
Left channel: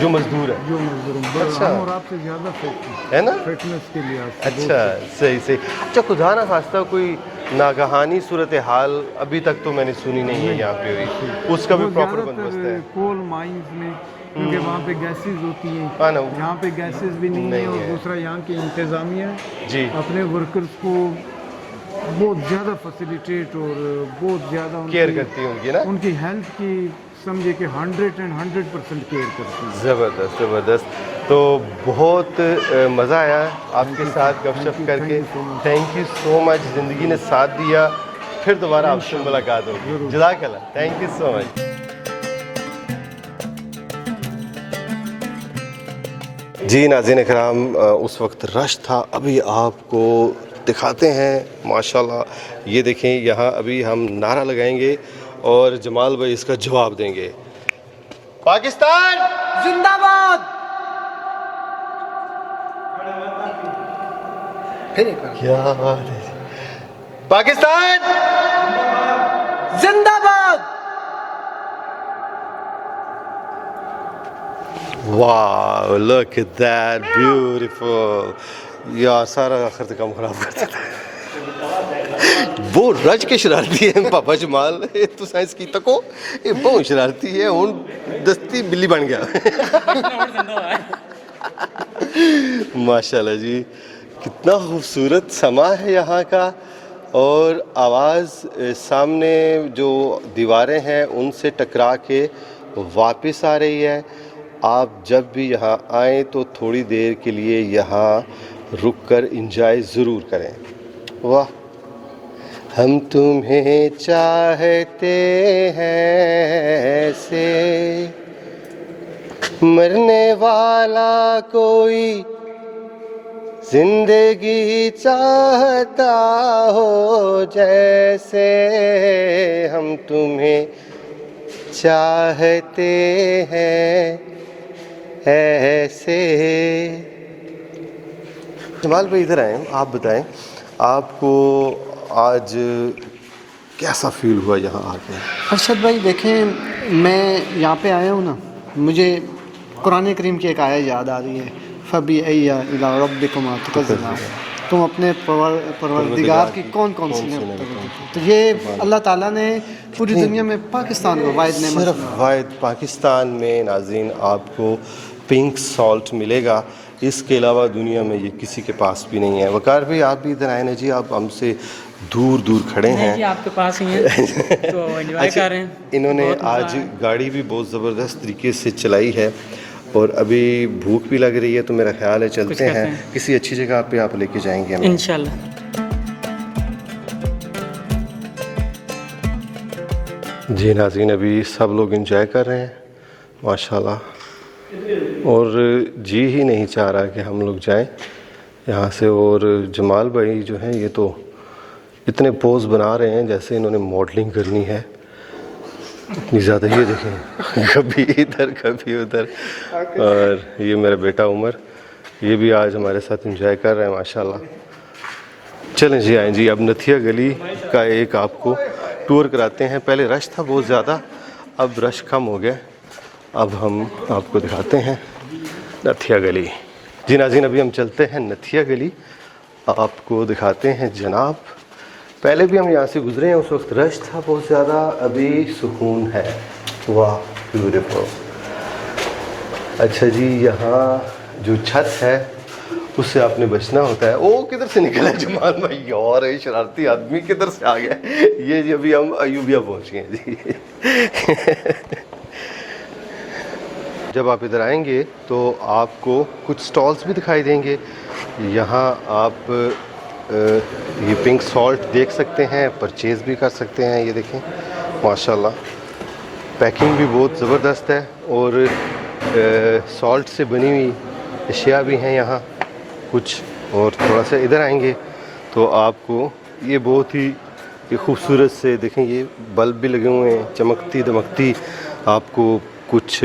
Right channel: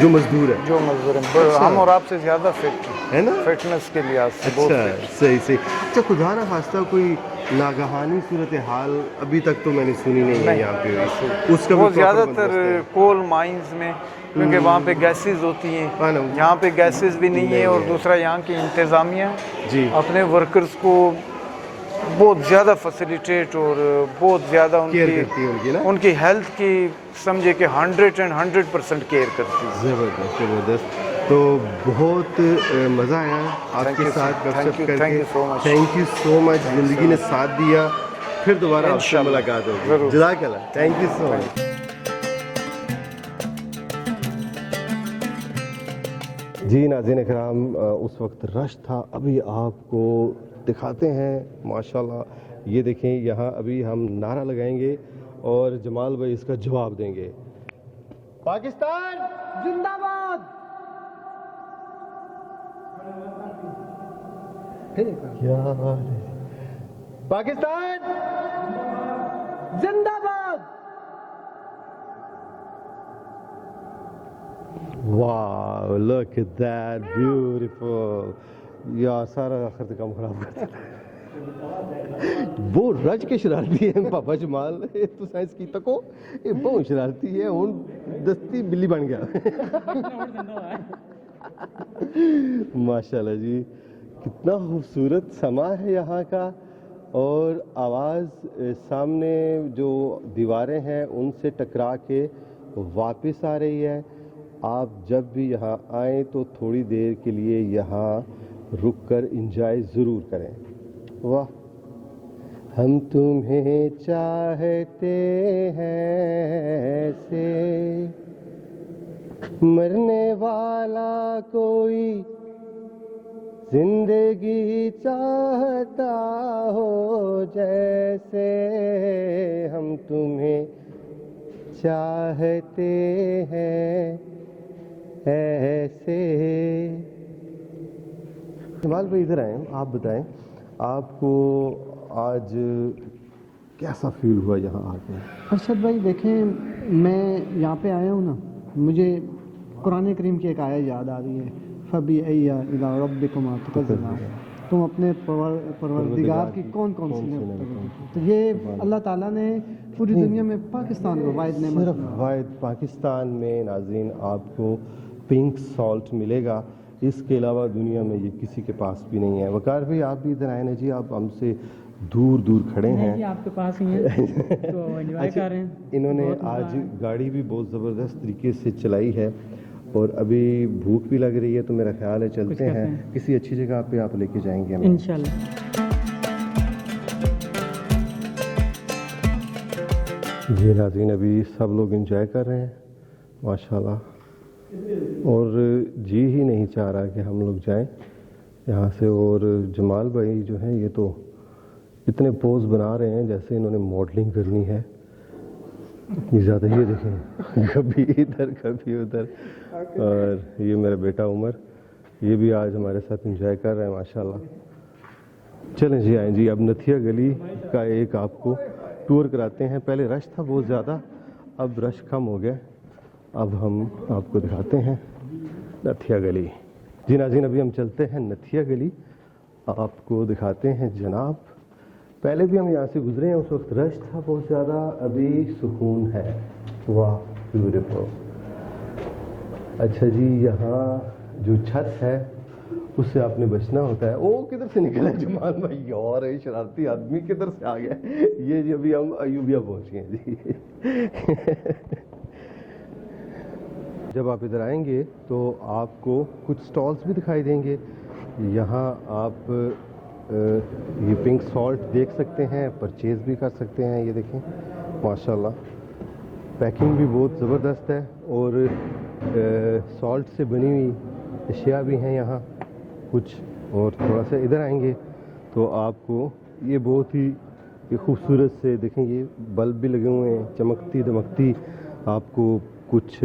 جو مزدور ہیں, جو مزدور ہیں, ہم اور آپ سے زیادہ فٹ ہے نا, فٹنس کے لحاظ سے. اچھا صحیح صحیح. اچھا خدا نہ خواستہ کوئی ناگہانی صورتحال ابھی تک تو میں نے سنی نہیں ہے یہاں پہ, اس کا وہ زیادہ تر کول مائنز میں, کیونکہ وہاں پہ گیسز ہوتی ہیں, یہاں پہ گیسز بھی نہیں ہیں. اور دوسرا یہاں کی انتظامیہ جی اپنے ورکرز کو بہت زیادہ فیسیلیٹیٹ اور بہت زیادہ کیئر کرتی ہوگی نا, ان کی ہیلتھ کی سمجھے کہ 100% کیئر کرتی ہیں. زبردست زبردست. تو بہت مزہ آیا آپ کے ساتھ گفتگو کر کے. تھینک یو سو مچ, زندگی نے ساتھ دیا. پھر دوبارہ آپ سے ملاقات ہوگی. جزاک اللہ, تھینک یو سو مچ. جی ناظرین اکرام, اس وقت رش تھا, ابھی آپ کو دکھاتے ہیں. ماشاءاللہ یہ دیکھیں, یہاں ابھی ہم نعرہ لگائیں گے اور جمال بھائی اس کا جواب دیں گے. پاکستان زندہ باد. फिर एक बार क्या बात है जी। पाकिस्तान जिंदाबाद। वाह, लुक एट दैट, ब्यूटीफुल। यार सारा आखिर तक काम खराब कर देता है। वो रज के शरारती है पापा जमाल, ये तो साइंस की तको ये बहुत शरारती है, हुन दस्ती बिल्ली बन गया। माशाल्लाह जी, कितना खूबसूरत समा है यहाँ का, और आवाज़ सामने जो दीवारें हैं उनसे टकरा के वापस आ रही है। आप जब भी यहाँ आएँ तो थोड़ी देर के लिए यहाँ रुक कर इंजॉय ज़रूर करें। वाह, हम तुम्हें चाहते हैं ऐसे, मरने वाला कोई जिंदगी चाहता हो जैसे, हम तुम्हें चाहते हैं ऐसे। जमाल भाई इधर आए, आप बताएं आपको आज कैसा फील हुआ यहाँ आके? अरशद भाई देखें, मैं यहाँ पे आया हूँ ना, मुझे कुरान करीम की एक आयत याद आ रही है, फबी अय्या इला रब्बिकुमा तुकज़्ज़िबान, तुम अपने परवरदिगार की कौन कौन सी नेमतें देखो। तो ये अल्लाह ताला ने पूरी दुनिया में पाकिस्तान को वाहिद नेमत, सिर्फ वाहिद पाकिस्तान में नाज़रीन आपको पिंक सॉल्ट मिलेगा, इसके अलावा दुनिया में ये किसी के पास भी नहीं है। वकार भाई आप भी इधर आए ना जी, आप हमसे दूर दूर खड़े हैं। जी आपके पास ही हैं तो एंजॉय कर रहे हैं। इन्होंने आज गाड़ी भी बहुत ज़बरदस्त तरीके से चलाई है, और अभी भूख भी लग रही है, तो मेरा ख्याल है चलते हैं किसी अच्छी जगह पे आप लेके जाएंगे हमें इंशाल्लाह। जी नाज़रीन, अभी सब लोग एंजॉय कर रहे हैं माशाल्लाह, और जी ही नहीं चाह रहा कि हम लोग जाएं यहाँ से। और जमाल भाई जो हैं ये तो इतने पोज बना रहे हैं जैसे इन्होंने मॉडलिंग करनी है, इतनी ज़्यादा। ये देखें, कभी इधर कभी उधर। और ये मेरा बेटा उमर, ये भी आज हमारे साथ एंजॉय कर रहे हैं माशाल्लाह। चलें जी, आएँ जी, अब नथिया गली का एक आपको टूर कराते हैं। पहले रश था बहुत ज़्यादा, अब रश कम हो गया। अब हम आपको दिखाते हैं नथिया गली। जी नाज़रीन, अभी हम चलते हैं नथिया गली, आपको दिखाते हैं जनाब। पहले भी हम यहाँ से गुजरे हैं, उस वक्त रश था बहुत ज़्यादा, अभी सुकून है। वाह, ब्यूटीफुल। अच्छा जी, यहाँ जो छत है उससे आपने बचना होता है। ओ किधर से निकला है जमाल भाई, यार ये शरारती आदमी किधर से आ गया। ये जी अभी हम अयूबिया पहुँचे हैं जी। जब आप इधर आएंगे तो आपको कुछ स्टॉल्स भी दिखाई देंगे। यहाँ आप ये पिंक सॉल्ट देख सकते हैं, परचेज़ भी कर सकते हैं। ये देखें माशाल्लाह, पैकिंग भी बहुत ज़बरदस्त है, और सॉल्ट से बनी हुई अशिया भी हैं यहाँ कुछ। और थोड़ा सा इधर आएंगे तो आपको ये बहुत ही खूबसूरत से देखें, ये बल्ब भी लगे हुए हैं चमकती दमकती, आपको कुछ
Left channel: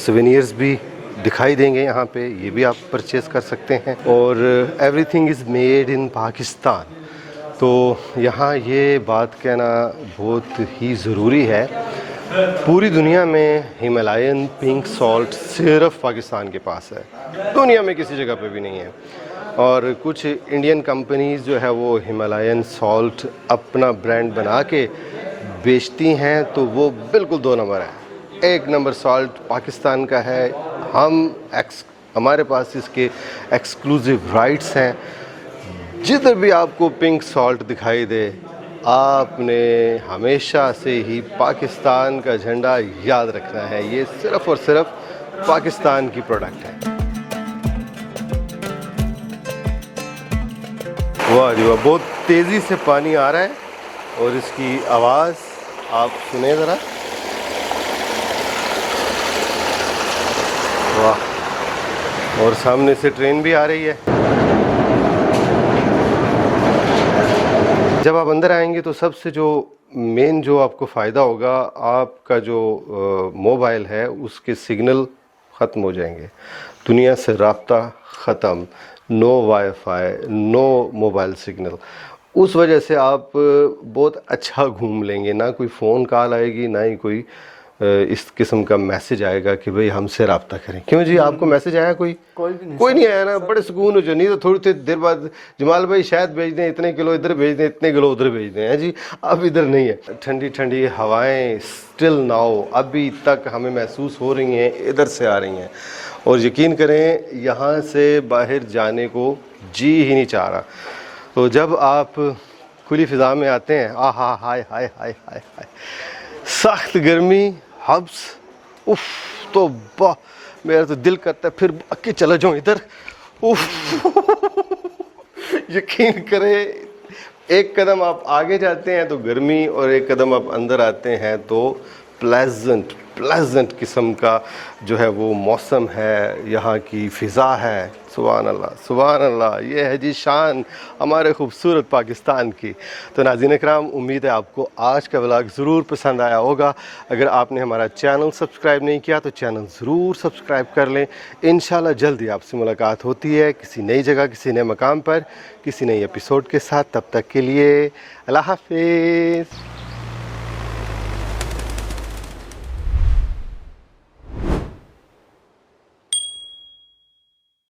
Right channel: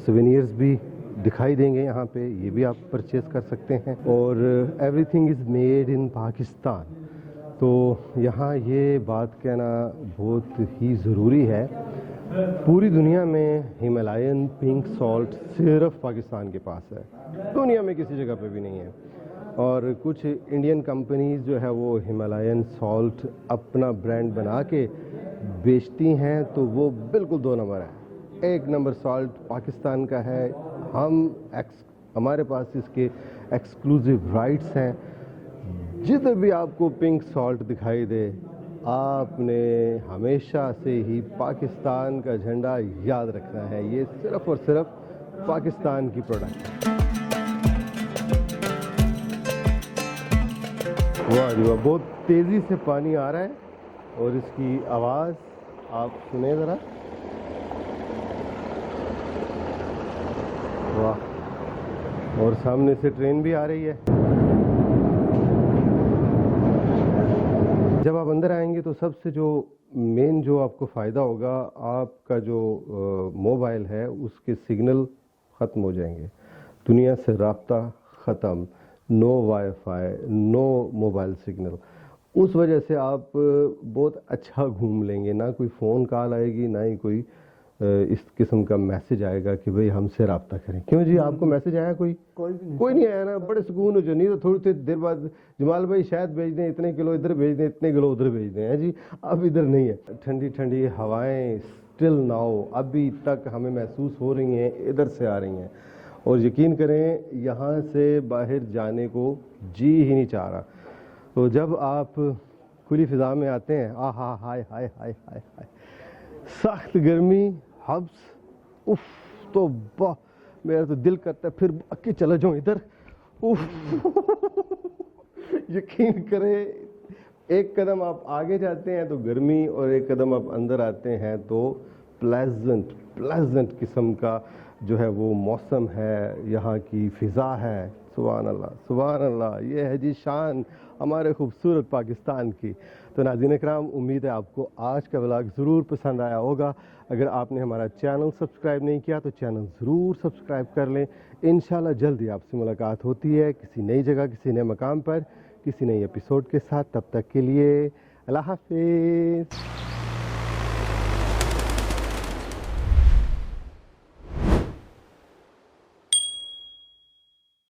सोवेनियर्स भी दिखाई देंगे यहाँ पे, ये भी आप परचेज़ कर सकते हैं। और everything is made in Pakistan, तो यहाँ ये बात कहना बहुत ही ज़रूरी है। पूरी दुनिया में हिमालयन पिंक सॉल्ट सिर्फ पाकिस्तान के पास है, दुनिया में किसी जगह पे भी नहीं है। और कुछ इंडियन कंपनीज़ जो है वो हिमालयन सॉल्ट अपना ब्रांड बना के बेचती हैं, तो वो बिल्कुल 2 नंबर है। 1 नंबर सॉल्ट पाकिस्तान का है। हमारे पास इसके एक्सक्लूसिव राइट्स हैं। जिधर भी आपको पिंक सॉल्ट दिखाई दे, आपने हमेशा से ही पाकिस्तान का झंडा याद रखना है। ये सिर्फ़ और सिर्फ पाकिस्तान की प्रोडक्ट है। वाह जी वाह, बहुत तेज़ी से पानी आ रहा है, और इसकी आवाज़ आप सुने ज़रा। वाह, और सामने से ट्रेन भी आ रही है। जब आप अंदर आएंगे तो सबसे जो मेन जो आपको फ़ायदा होगा, आपका जो मोबाइल है उसके सिग्नल ख़त्म हो जाएंगे, दुनिया से राब्ता ख़त्म। No wifi, no mobile signal, उस वजह से आप बहुत अच्छा घूम लेंगे, ना कोई फ़ोन कॉल आएगी, ना ही कोई इस किस्म का मैसेज आएगा कि भाई हमसे रब्ता करें। क्यों जी, आपको मैसेज आया कोई नहीं आया ना? बड़े सुकून हो जो, नहीं तो थोड़ी देर बाद जमाल भाई शायद भेज दें, इतने किलो इधर भेज दें, इतने किलो उधर भेज दें, हैं जी। अब इधर नहीं है। ठंडी ठंडी हवाएं स्टिल नाउ अभी तक हमें महसूस हो रही हैं, इधर से आ रही हैं, और यकीन करें यहाँ से बाहर जाने को जी ही नहीं चाह रहा। तो जब आप खुली फ़िज़ा में आते हैं, आहा हाय हाय हाय हाय हाय, सख्त गर्मी, हब्स, उफ, तो वाह, मेरा तो दिल करता है फिर भाग के चला जाऊँ इधर, उफ। यकीन करें, एक कदम आप आगे जाते हैं तो गर्मी, और एक कदम आप अंदर आते हैं तो प्लेजेंट किस्म का जो है वो मौसम है, यहाँ की फ़िज़ा है। सुभान अल्लाह, सुभान अल्लाह, ये है जी शान हमारे खूबसूरत पाकिस्तान की। तो नाज़रीन इकराम, उम्मीद है आपको आज का व्लॉग ज़रूर पसंद आया होगा। अगर आपने हमारा चैनल सब्सक्राइब नहीं किया तो चैनल ज़रूर सब्सक्राइब कर लें। इंशाल्लाह जल्दी आपसे मुलाकात होती है किसी नई जगह, किसी नए मकाम पर, किसी नई एपिसोड के साथ। तब तक के लिए अल्लाह हाफ़िज़।